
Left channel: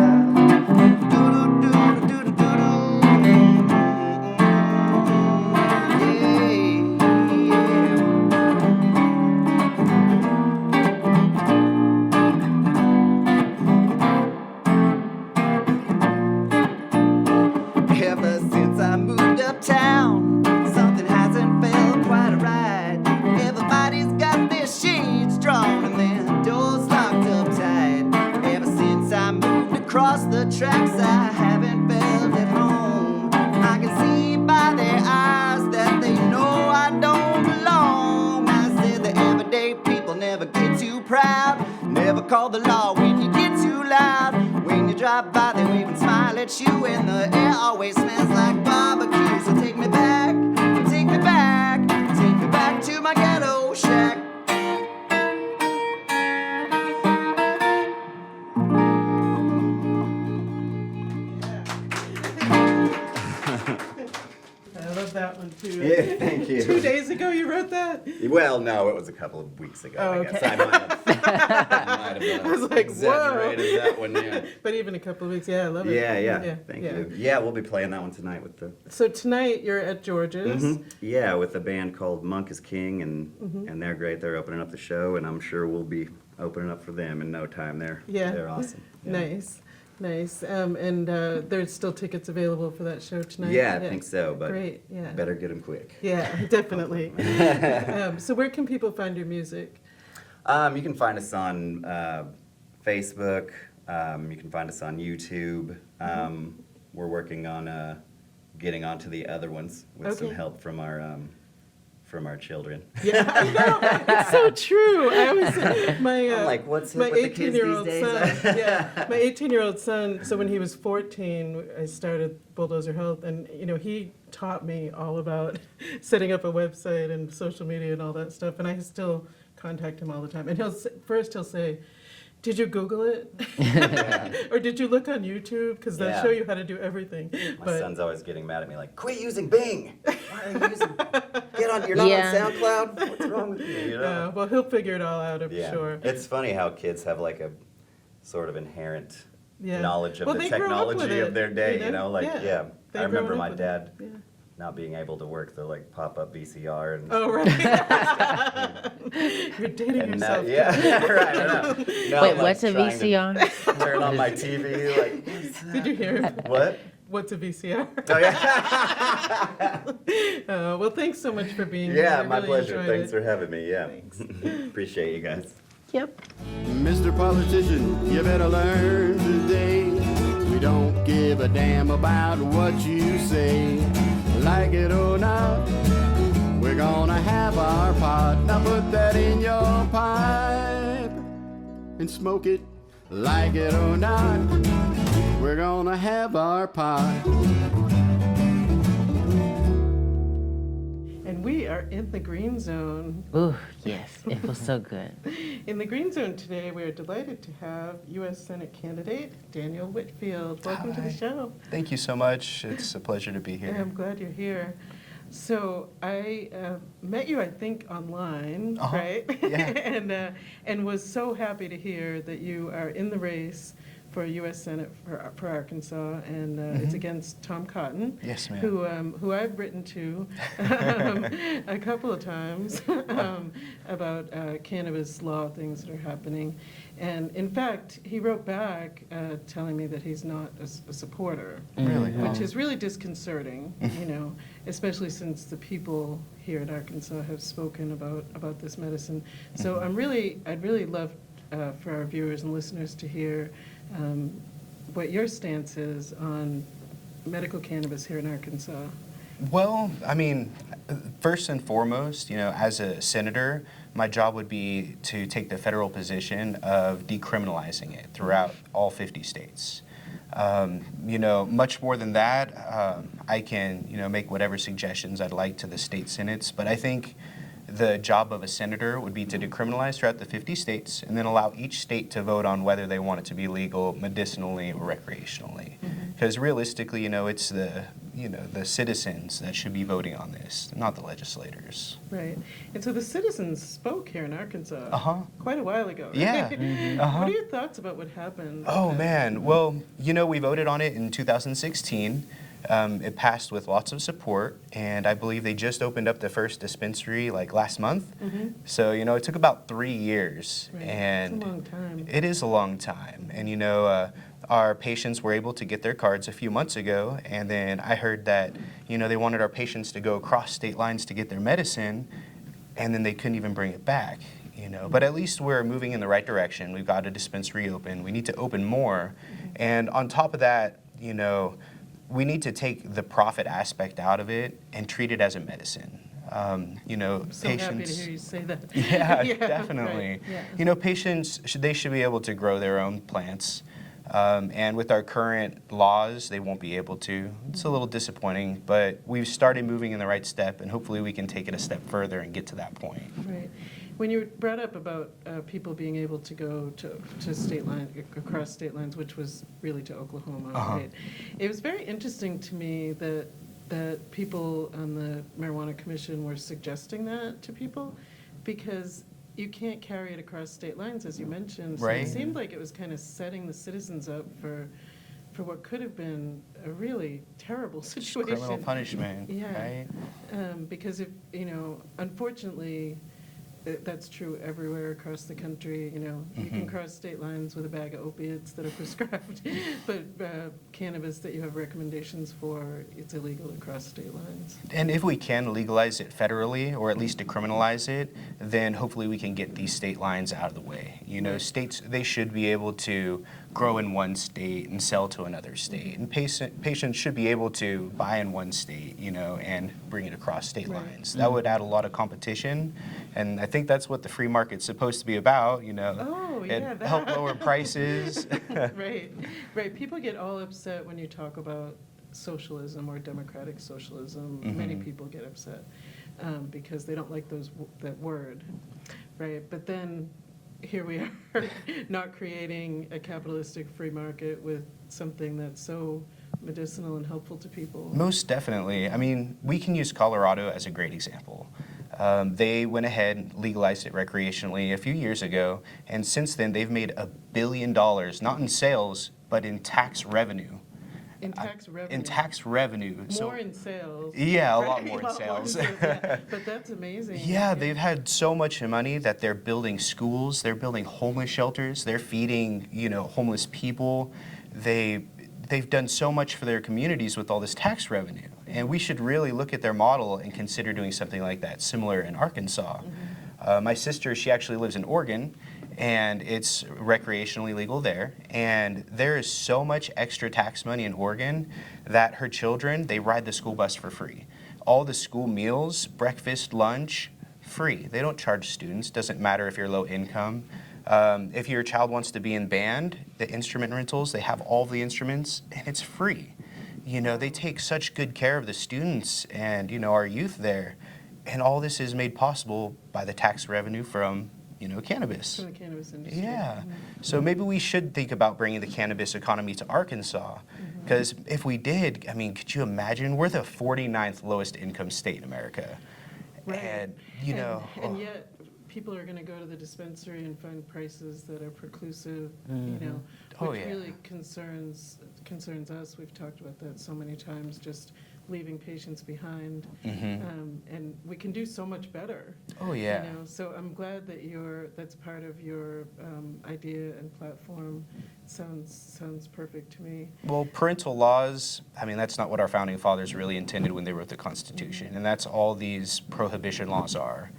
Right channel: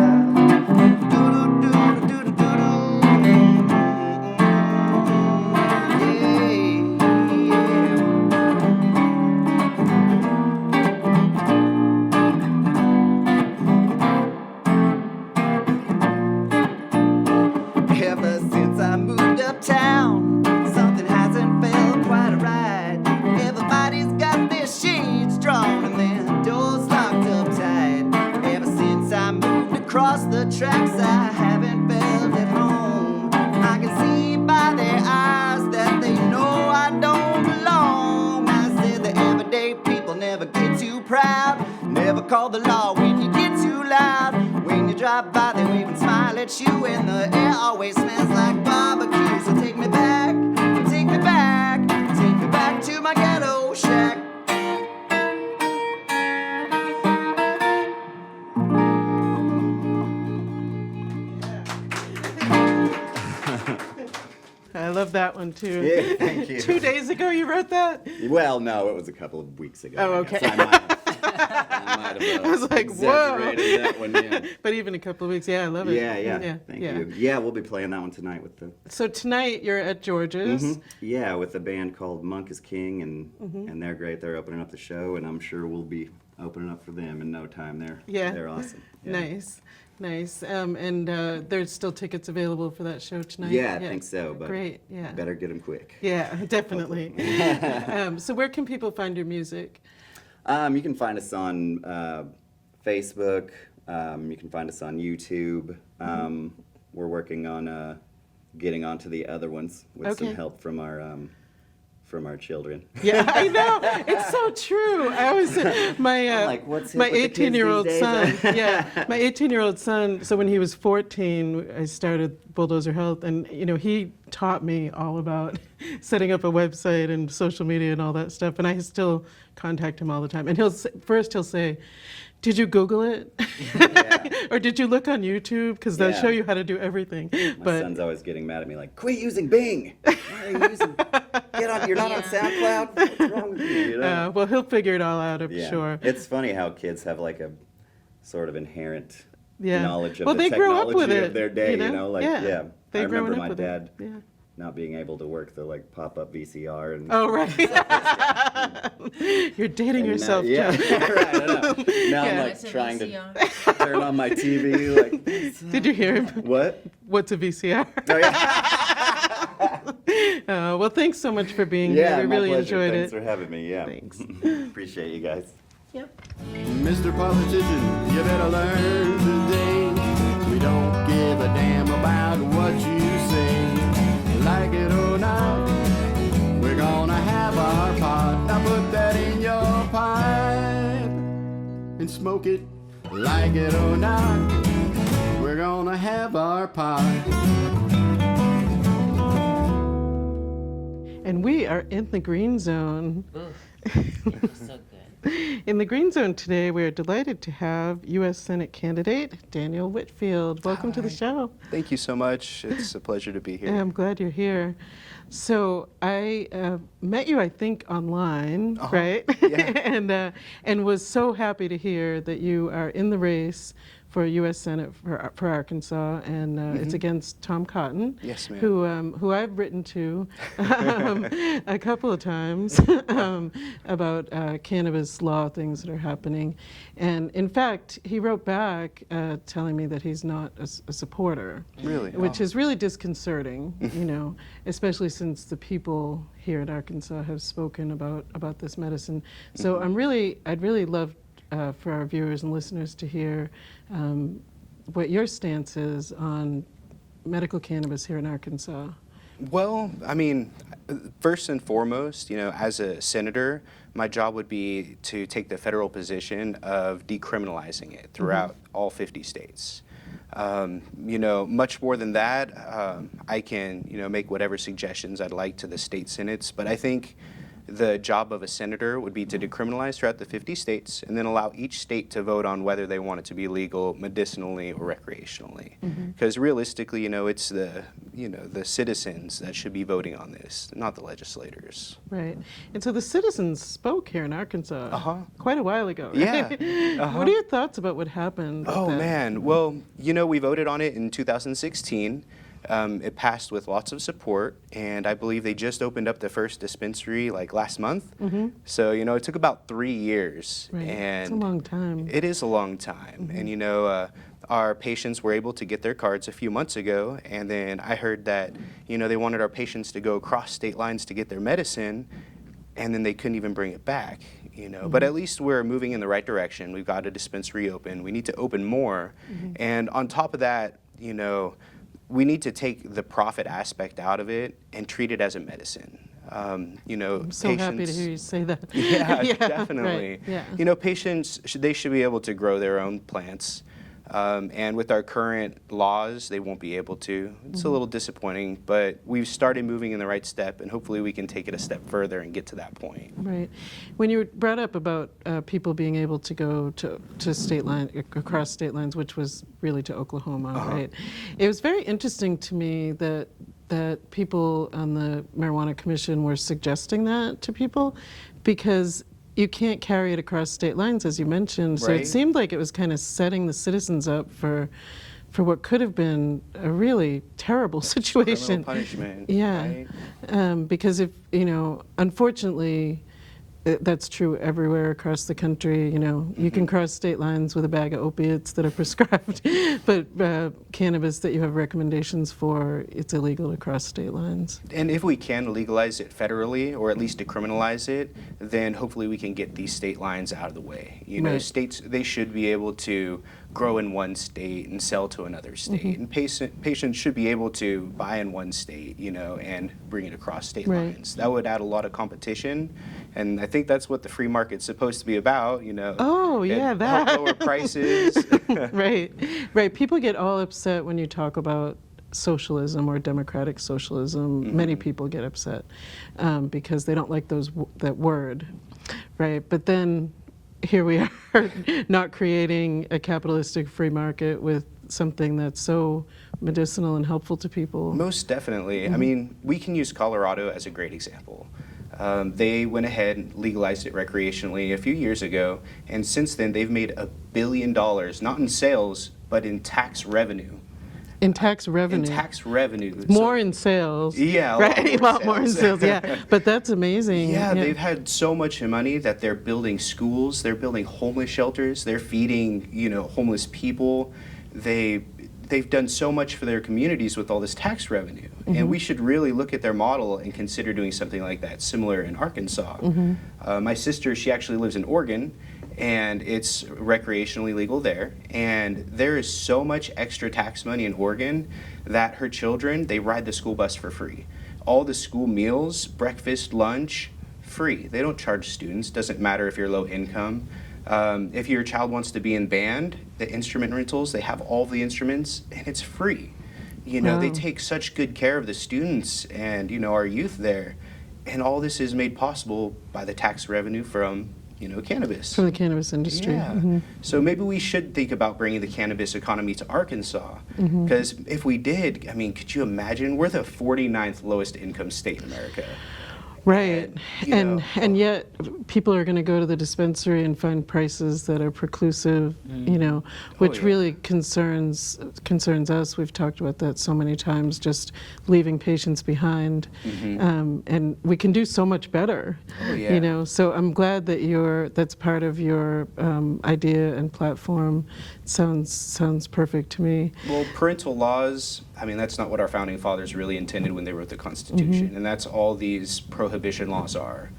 Ever since I moved uptown, something hasn't felt quite right. Everybody's got their shades drawn and their doors locked up tight. Ever since I moved across the tracks, I haven't felt at home. I can see by their eyes that they know I don't belong. I said the everyday people never get too proud, never call the law when you get too loud. When you drive by, they wave and smile at you, and the air always smells like barbecue. So take me back, take me back, take me back to my ghetto shack. I love that one too. Yeah, thank you. 2 days ago you wrote that? Well, no, it was a couple of weeks ago. Oh, I okay. guess. I might have I was like, exaggerated whoa. that one, yeah. But even a couple of weeks, yeah, I love it. Yeah, thank you. Yeah, we'll be playing that one tonight with the... So tonight you're at George's. Yeah, with a band called Monk is King, and they're great. They're opening up the show, and I'm sure we'll be opening up for them in no time. They're awesome. Yeah. Nice. And there's still tickets available for that show tonight? Yeah, I think so, but great. Yeah. better get them quick. Yeah, definitely. So where can people find your music? You can find us on Facebook. You can find us on YouTube. We're working on getting onto the other ones with some help from our children. Yeah, I know. It's so true. I always my like, what's my hip with the kids 18-year-old these son. days? Yeah, my 18-year-old son. So when he was 14, I started Bulldozer Health, and he taught me all about setting up a website and social media and all that stuff. And I still contact him all the time. And he'll say, "Did you Google it? Or did you look on YouTube? Because they'll show you how to do everything." My son's always getting mad at me, like, quit using Bing. Why are you using? You're not on SoundCloud. What's wrong with you? Well, he'll figure it all out, I'm Yeah. sure. It's funny how kids have like a sort of inherent knowledge of Well, the they grew up with technology it, of their day. Like, Yeah. They I grew remember up my with it. dad Yeah. not being able to work the like pop-up VCR and. Oh, right. You're dating yourself. Yeah, right. I know. Now Wait, I'm, like, what's a trying VCR? to turn on my TV. Like, Did you hear him? what? What's a VCR? Oh yeah. Well, thanks so much for being Yeah, here. We my really pleasure. enjoyed Thanks it. for having me. Yeah. Thanks. Appreciate you guys. Yep. Mr. Politician, you better learn today. We don't give a damn about what you say. Like it or not, we're gonna have our pot. Now put that in your pipe and smoke it. Like it or not, we're gonna have our pot. And we are in the green zone. Ooh, yes, it feels so good. In the green zone today, we are delighted to have U.S. Senate candidate Daniel Whitfield. Welcome to the show. Thank you so much. It's a pleasure to be here. Yeah, I'm glad you're here. So I met you, I think, online, right? Yeah. and was so happy to hear that you are in the race for U.S. Senate for Arkansas, and it's against Tom Cotton. Yes, ma'am. Who I've written to a couple of times about cannabis law things that are happening. And in fact, he wrote back telling me that he's not a supporter. Really? Which is really disconcerting, you know, especially since the people here in Arkansas have spoken about this medicine. So I'd really love for our viewers and listeners to hear what your stance is on medical cannabis here in Arkansas. Well, I mean, first and foremost, you know, as a senator, my job would be to take the federal position of decriminalizing it throughout all 50 states. You know, much more than that, I can, you know, make whatever suggestions I'd like to the state senates, but I think the job of a senator would be to decriminalize throughout the 50 states and then allow each state to vote on whether they want it to be legal medicinally or recreationally. Because realistically, you know, it's the citizens that should be voting on this, not the legislators. Right. And so the citizens spoke here in Arkansas quite a while ago. Right? Yeah. What are your thoughts about what happened? Oh, man. Well, you know, we voted on it in 2016. It passed with lots of support, and I believe they just opened up the first dispensary like last month. So, you know, it took about 3 years. Right. And it's a long time. It is a long time. And, you know, our patients were able to get their cards a few months ago, and then I heard that, you know, they wanted our patients to go across state lines to get their medicine, and then they couldn't even bring it back. You know, but at least we're moving in the right direction. We've got a dispensary open. We need to open more. And on top of that, you know, we need to take the profit aspect out of it and treat it as a medicine. You know, I'm so patients. happy to hear you say that. Yeah, definitely. Right. Yeah. You know, patients should be able to grow their own plants. And with our current laws, they won't be able to. It's a little disappointing, but we've started moving in the right step, and hopefully we can take it a step further and get to that point. Right. When you brought up about people being able to go to state line, across state lines, which was really to Oklahoma, right? It was very interesting to me that people on the Marijuana Commission were suggesting that to people, because you can't carry it across state lines, as you mentioned. So Right. it seemed like it was kind of setting the citizens up for what could have been a really terrible situation. Criminal punishment. Yeah. Right? Because if, you know, unfortunately, that's true everywhere across the country. You know, you can cross state lines with a bag of opiates that are prescribed, but cannabis that you have recommendations for, it's illegal to cross state lines. And if we can legalize it federally, or at least decriminalize it, then hopefully we can get these state lines out of the way. You know, Right. states, they should be able to grow in one state and sell to another state. And patients should be able to buy in one state, you know, and bring it across state Right. lines. That would add a lot of competition, and I think that's what the free market's supposed to be about, you know. Oh, yeah, It help lower prices. Right, right. People get all upset when you talk about socialism or democratic socialism. Many people get upset because they don't like that word, right? But then here we are, not creating a capitalistic free market with something that's so medicinal and helpful to people. Most definitely. I mean, we can use Colorado as a great example. They went ahead and legalized it recreationally a few years ago, and since then they've made $1 billion, not in sales, but in tax revenue. In tax revenue. In tax revenue. More in sales. Yeah, a right? lot more in sales. Yeah. But that's amazing. Yeah, they've had so much money that they're building schools, they're building homeless shelters, they're feeding, you know, homeless people. They've done so much for their communities with all this tax revenue. And we should really look at their model and consider doing something like that, similar in Arkansas. My sister, she actually lives in Oregon, and it's recreationally legal there. And there is so much extra tax money in Oregon that her children, they ride the school bus for free. All the school meals, breakfast, lunch, free. They don't charge students, doesn't matter if you're low income. If your child wants to be in band, the instrument rentals, they have all the instruments, and it's free. You know, they take such good care of the students and, you know, our youth there. And all this is made possible by the tax revenue from, you know, cannabis. From the cannabis industry. Yeah. So maybe we should think about bringing the cannabis economy to Arkansas. Because if we did, I mean, could you imagine? We're the 49th lowest income state in America. Right. And, And yet people are going to go to the dispensary and find prices that are preclusive, which yeah. really concerns us. We've talked about that so many times, just leaving patients behind. And we can do so much better. Oh, yeah. So I'm glad that that's part of your idea and platform. Sounds perfect to me. Well, parental laws, I mean, that's not what our founding fathers really intended when they wrote the Constitution, and that's all these prohibition laws are.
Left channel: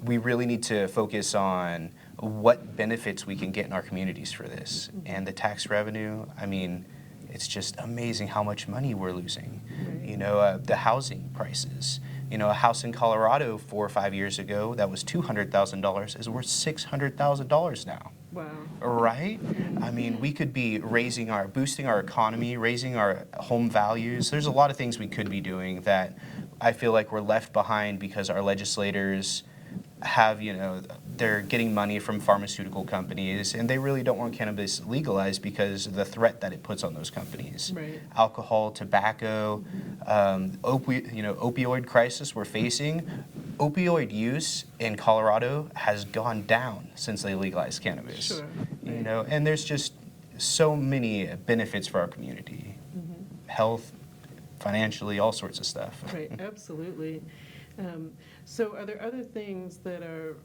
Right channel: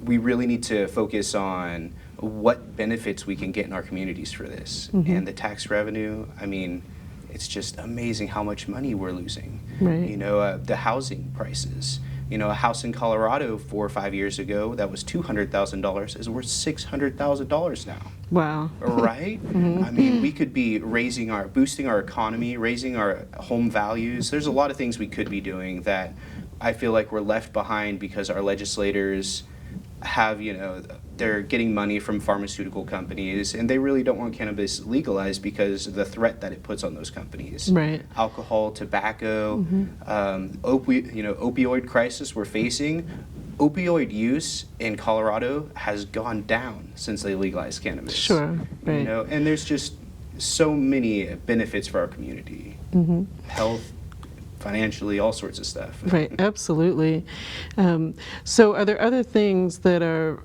We really need to focus on what benefits we can get in our communities for this. And the tax revenue, I mean, it's just amazing how much money we're losing. Right. The housing prices. A house in Colorado 4 or 5 years ago that was $200,000 is worth $600,000 now. Wow. Right? I mean, we could be boosting our economy, raising our home values. There's a lot of things we could be doing that I feel like we're left behind because our legislators have, they're getting money from pharmaceutical companies, and they really don't want cannabis legalized because of the threat that it puts on those companies. Right. Alcohol, tobacco, opioid crisis we're facing. Opioid use in Colorado has gone down since they legalized cannabis. Sure. Right. And there's just so many benefits for our community. Health, financially, all sorts of stuff. Right, absolutely. So are there other things that are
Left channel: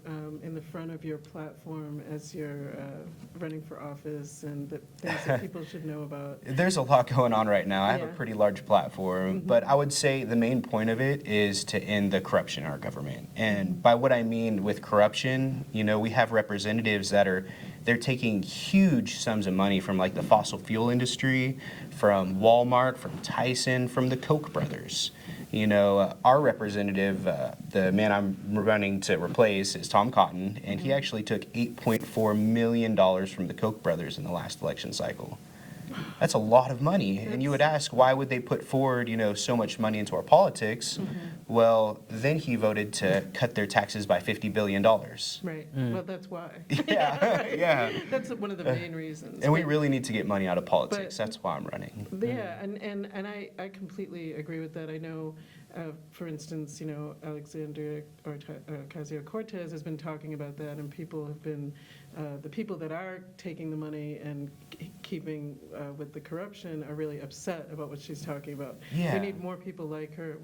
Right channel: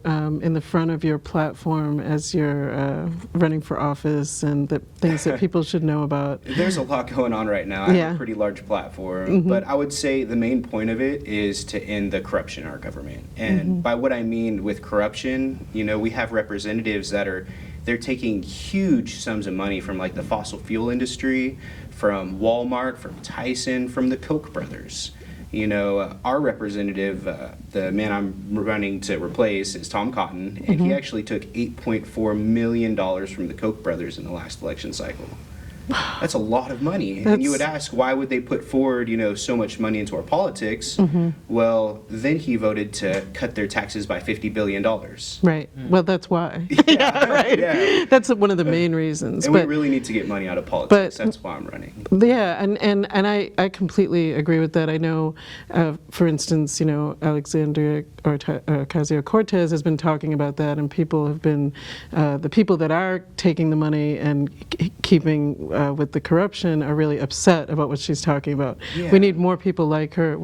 in the front of your platform as you're running for office, and the things that people should know about? There's a lot going on right now. I have a pretty large platform, but I would say the main point of it is to end the corruption in our government. And by what I mean with corruption, we have representatives they're taking huge sums of money from like the fossil fuel industry, from Walmart, from Tyson, from the Koch brothers. Our representative, the man I'm running to replace, is Tom Cotton, and he actually took $8.4 million from the Koch brothers in the last election cycle. That's a lot of money. And you would ask, why would they put forward, so much money into our politics? Well, then he voted to cut their taxes by $50 billion. Right. Well, that's why. Right. Yeah. That's one of the main reasons. And we really need to get money out of politics. That's why I'm running. Yeah, and I completely agree with that. I know, for instance, Alexandria Ocasio-Cortez has been talking about that, and people have been, the people that are taking the money and keeping with the corruption are really upset about what she's talking about. Yeah. We need more people like her,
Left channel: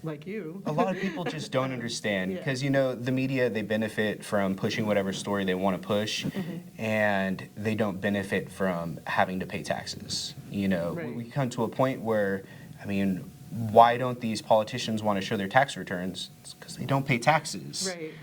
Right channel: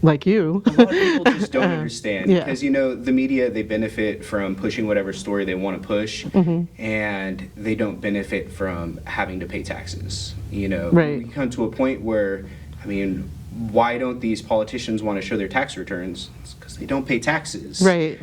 like you. A lot of people just don't understand because, the media, they benefit from pushing whatever story they want to push, and they don't benefit from having to pay taxes. Right. We come to a point where, why don't these politicians want to show their tax returns? It's because they don't pay taxes. Right,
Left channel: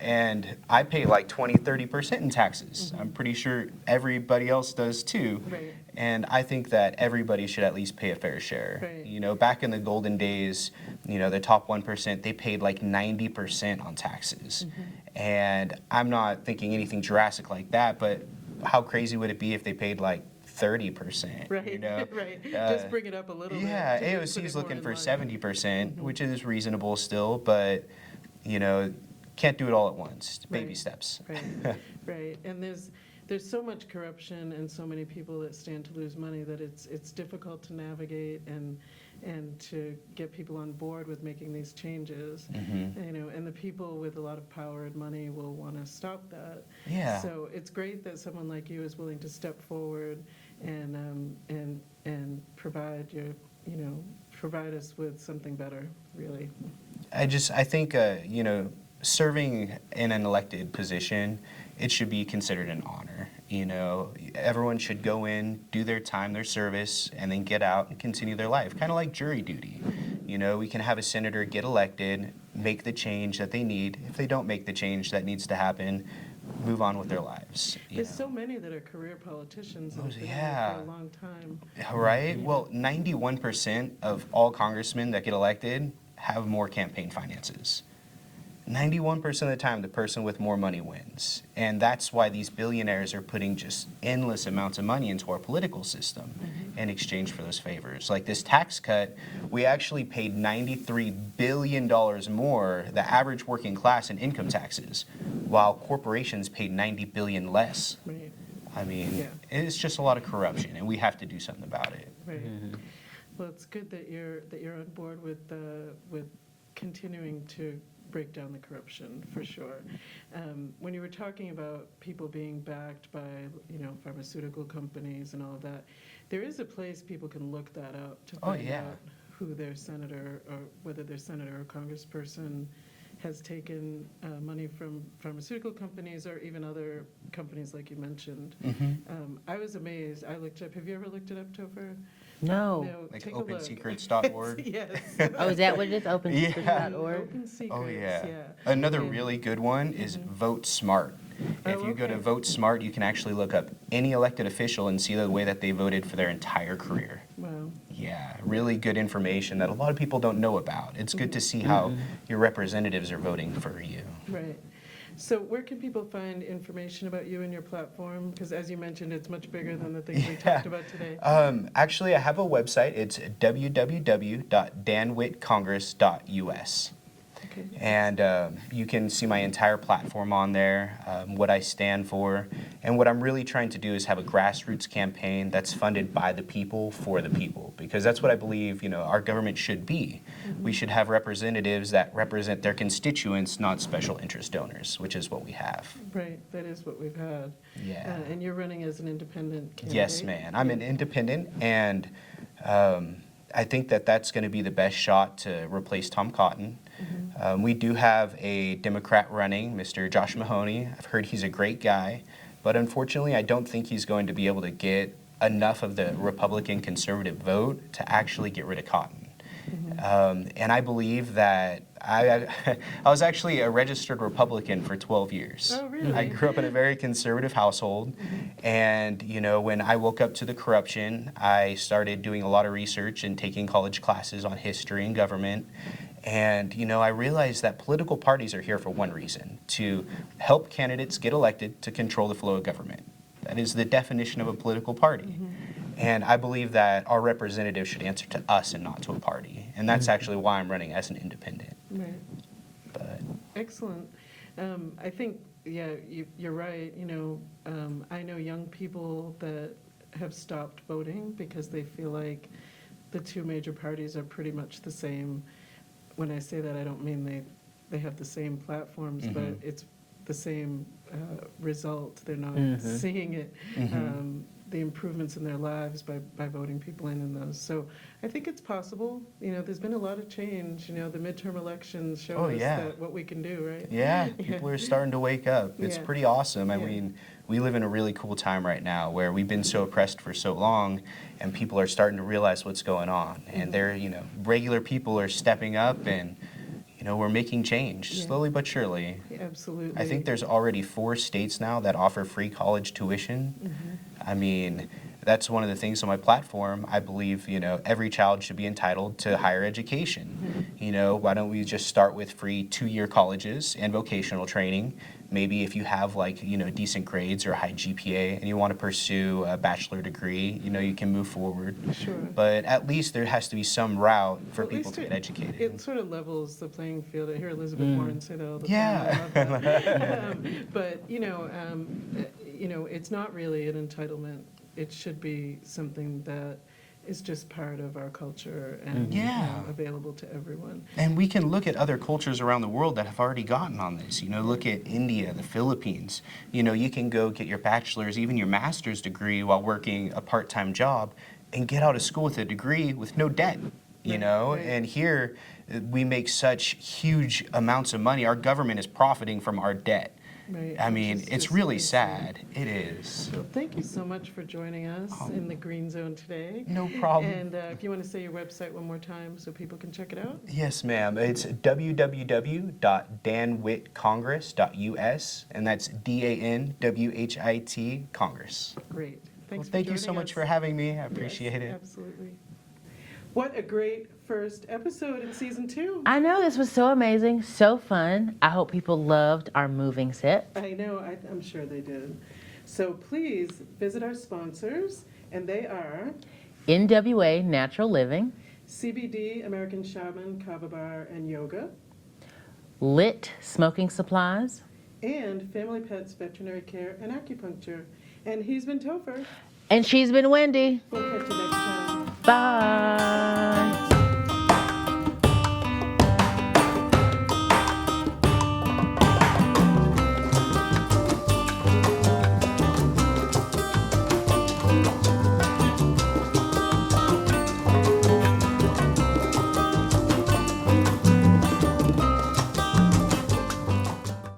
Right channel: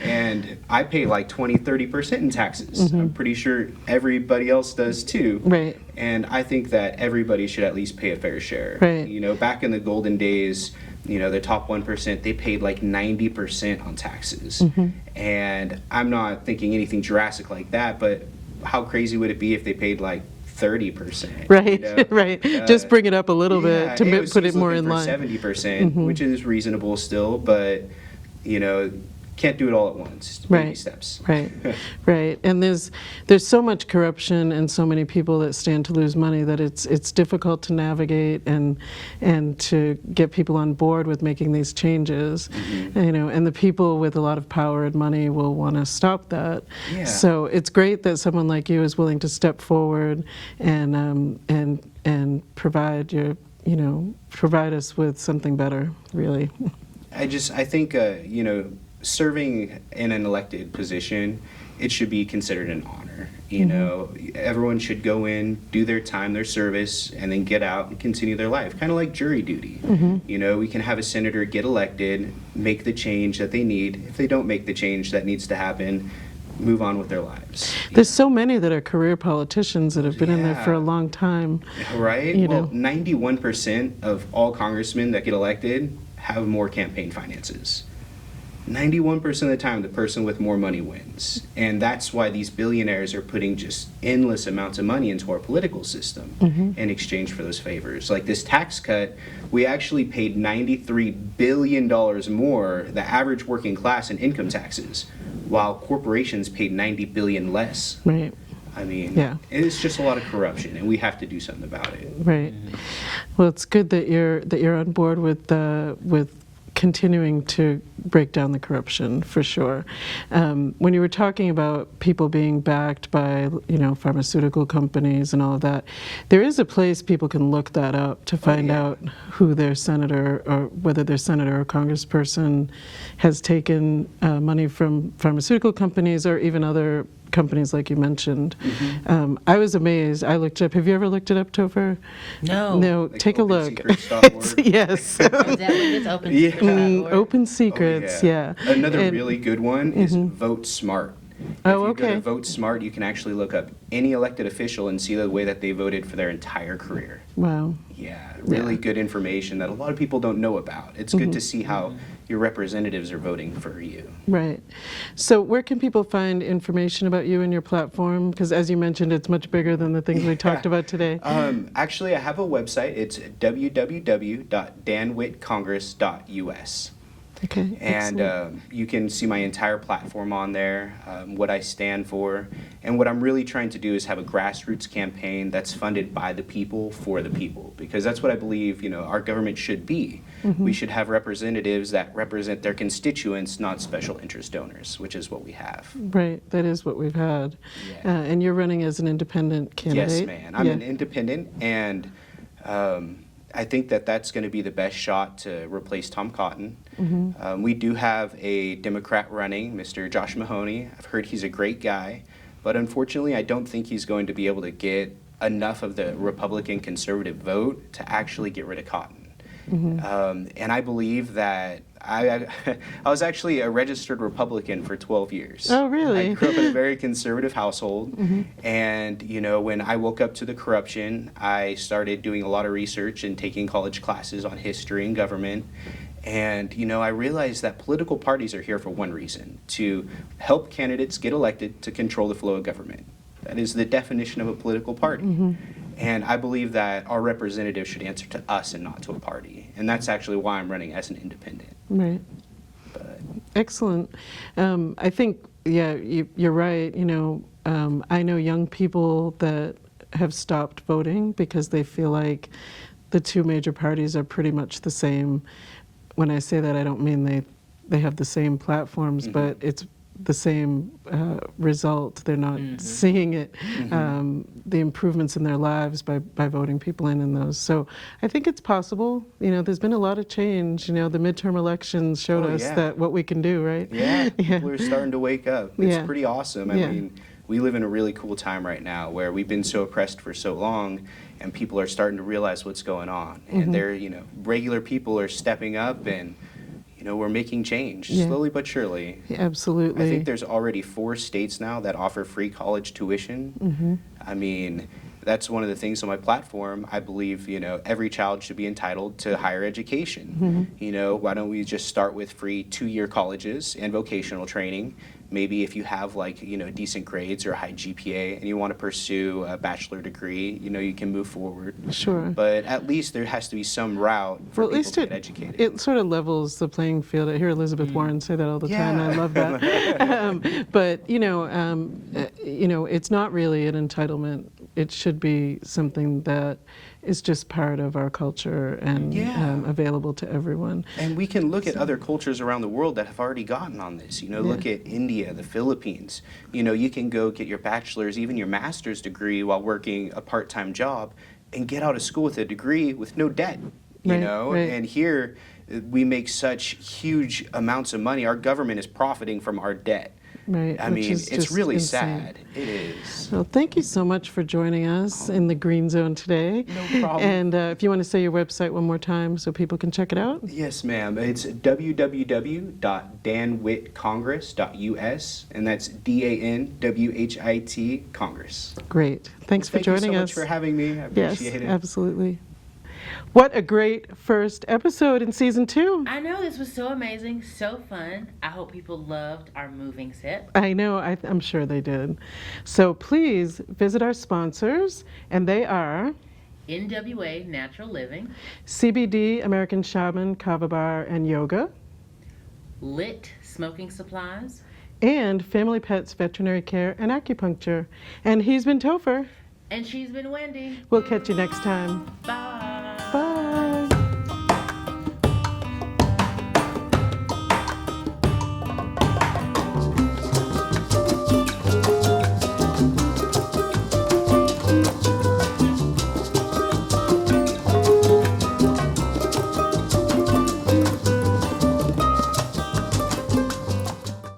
And I pay like 20-30% in taxes. I'm pretty sure everybody else does too. Right. And I think that everybody should at least pay a fair share. Right. Back in the golden days, the top 1%, they paid like 90% on taxes. And I'm not thinking anything drastic like that, but how crazy would it be if they paid like 30%? Right, right. Just bring it up a little bit to put it more in line. 70%, which is reasonable still, but can't do it all at once. Baby steps. Right, right. And there's so much corruption and so many people that stand to lose money that it's difficult to navigate and to get people on board with making these changes. And the people with a lot of power and money will want to stop that. Yeah. So it's great that someone like you is willing to step forward and provide provide us with something better, really. I think serving in an elected position, it should be considered an honor. Everyone should go in, do their time, their service, and then get out and continue their life, kind of like jury duty. We can have a senator get elected, make the change that they need. If they don't make the change that needs to happen, move on with their lives. There's so many that are career politicians that have been in there for a long time. Right? Well, 91% of all congressmen that get elected have more campaign finances. 91% of the time, the person with more money wins. And that's why these billionaires are putting just endless amounts of money into our political system in exchange for those favors. Like this tax cut, we actually paid $93 billion more, the average working class, in income taxes, while corporations paid $90 billion less. Right. It's just a lot of corruption, and we have to do something about it. Right. Well, it's good that you're on board with continuing to break down the corruption for sure. When you were talking about people being backed by, pharmaceutical companies and all of that, there is a place people can look that up to find out who their senator or whether their senator or congressperson has taken money from pharmaceutical companies or even other companies like you mentioned. I was amazed. I looked up. Have you ever looked it up, Topher? No. No, Like take a look. OpenSecrets.org? Yes. Oh, is that what it's open? Yeah. Open Secrets, yeah. Another And- really good one is Vote Smart. Oh, If you go okay. to Vote Smart, you can actually look up any elected official and see the way that they voted for their entire career. Wow. Yeah, really good information that a lot of people don't know about. It's good to see how your representatives are voting for you. Right. So where can people find information about you and your platform? Because as you mentioned, it's much bigger than the things we talked about today. Actually, I have a website. It's www.danwhittcongress.us. Okay. And excellent. you can see my entire platform on there, what I stand for. And what I'm really trying to do is have a grassroots campaign that's funded by the people for the people. Because that's what I believe, our government should be. We should have representatives that represent their constituents, not special interest donors, which is what we have. Right. That is what we've had. Yeah. And you're running as an independent candidate. Yes, man. I'm an independent, and I think that that's going to be the best shot to replace Tom Cotton. We do have a Democrat running, Mr. Josh Mahoney. I've heard he's a great guy, but unfortunately, I don't think he's going to be able to get enough of the Republican conservative vote to actually get rid of Cotton. And I believe that I was actually a registered Republican for 12 years. Oh, really? I grew up in a very conservative household. And, when I woke up to the corruption, I started doing a lot of research and taking college classes on history and government. And, I realized that political parties are here for one reason, to help candidates get elected to control the flow of government. That is the definition of a political party. And I believe that our representatives should answer to us and not to a party. And that's actually why I'm running as an independent. Right. But Excellent. I think, you're right. I know young people that have stopped voting because they feel like the two major parties are pretty much the same. When I say that, I don't mean they have the same platforms, but it's the same result. They're not seeing it, the improvements in their lives by voting people in those. So I think it's possible. There's been a lot of change. The midterm elections showed us that what we can do, right? yeah, people are starting to wake up. It's Yeah. pretty awesome. I Yeah. mean, we live in a really cool time right now where we've been so oppressed for so long, and people are starting to realize what's going on. And they're, regular people are stepping up, and we're making change slowly but surely. Absolutely. I think there's already 4 states now that offer free college tuition. I mean, that's one of the things on my platform. I believe, every child should be entitled to higher education. Why don't we just start with free 2-year colleges and vocational training? Maybe if you have decent grades or a high GPA and you want to pursue a bachelor degree, you can move forward. Sure. But at least there has to be some route for Well, at people least to get educated. it sort of levels the playing field. I hear Elizabeth Warren say that all the Yeah. time. I love that. But it's not really an entitlement. It should be something that is just part of our culture and available to everyone. And we can look at other cultures around the world that have already gotten on this. Look at India, the Philippines. You can go get your bachelor's, even your master's degree while working a part-time job and get out of school with a degree with no debt. Right. And here we make such huge amounts of money. Our government is profiting from our debt. Right, I which mean, is it's just really insane. sad. It is. Well, thank you so much for joining us in the Green Zone today. No problem. And if you want to say your website one more time so people can check it out. Yes, ma'am. It's www.danwhittcongress.us, and that's DANWHIT Congress. Great. Thanks for Thank you joining so us. much for having me. I appreciate Yes, it. absolutely. What a great first episode in season 2. I know, this was so amazing, so fun. I hope people loved our moving set. I know, I'm sure they did. So please visit our sponsors, and they are NWA Natural Living, CBD, American Shaman, Kava Bar, and Yoga, Lit Smoking Supplies, and Family Pets Veterinary Care and Acupuncture. And he's been Topher. and she's been Wendy. We'll catch you next time. Bye. Bye.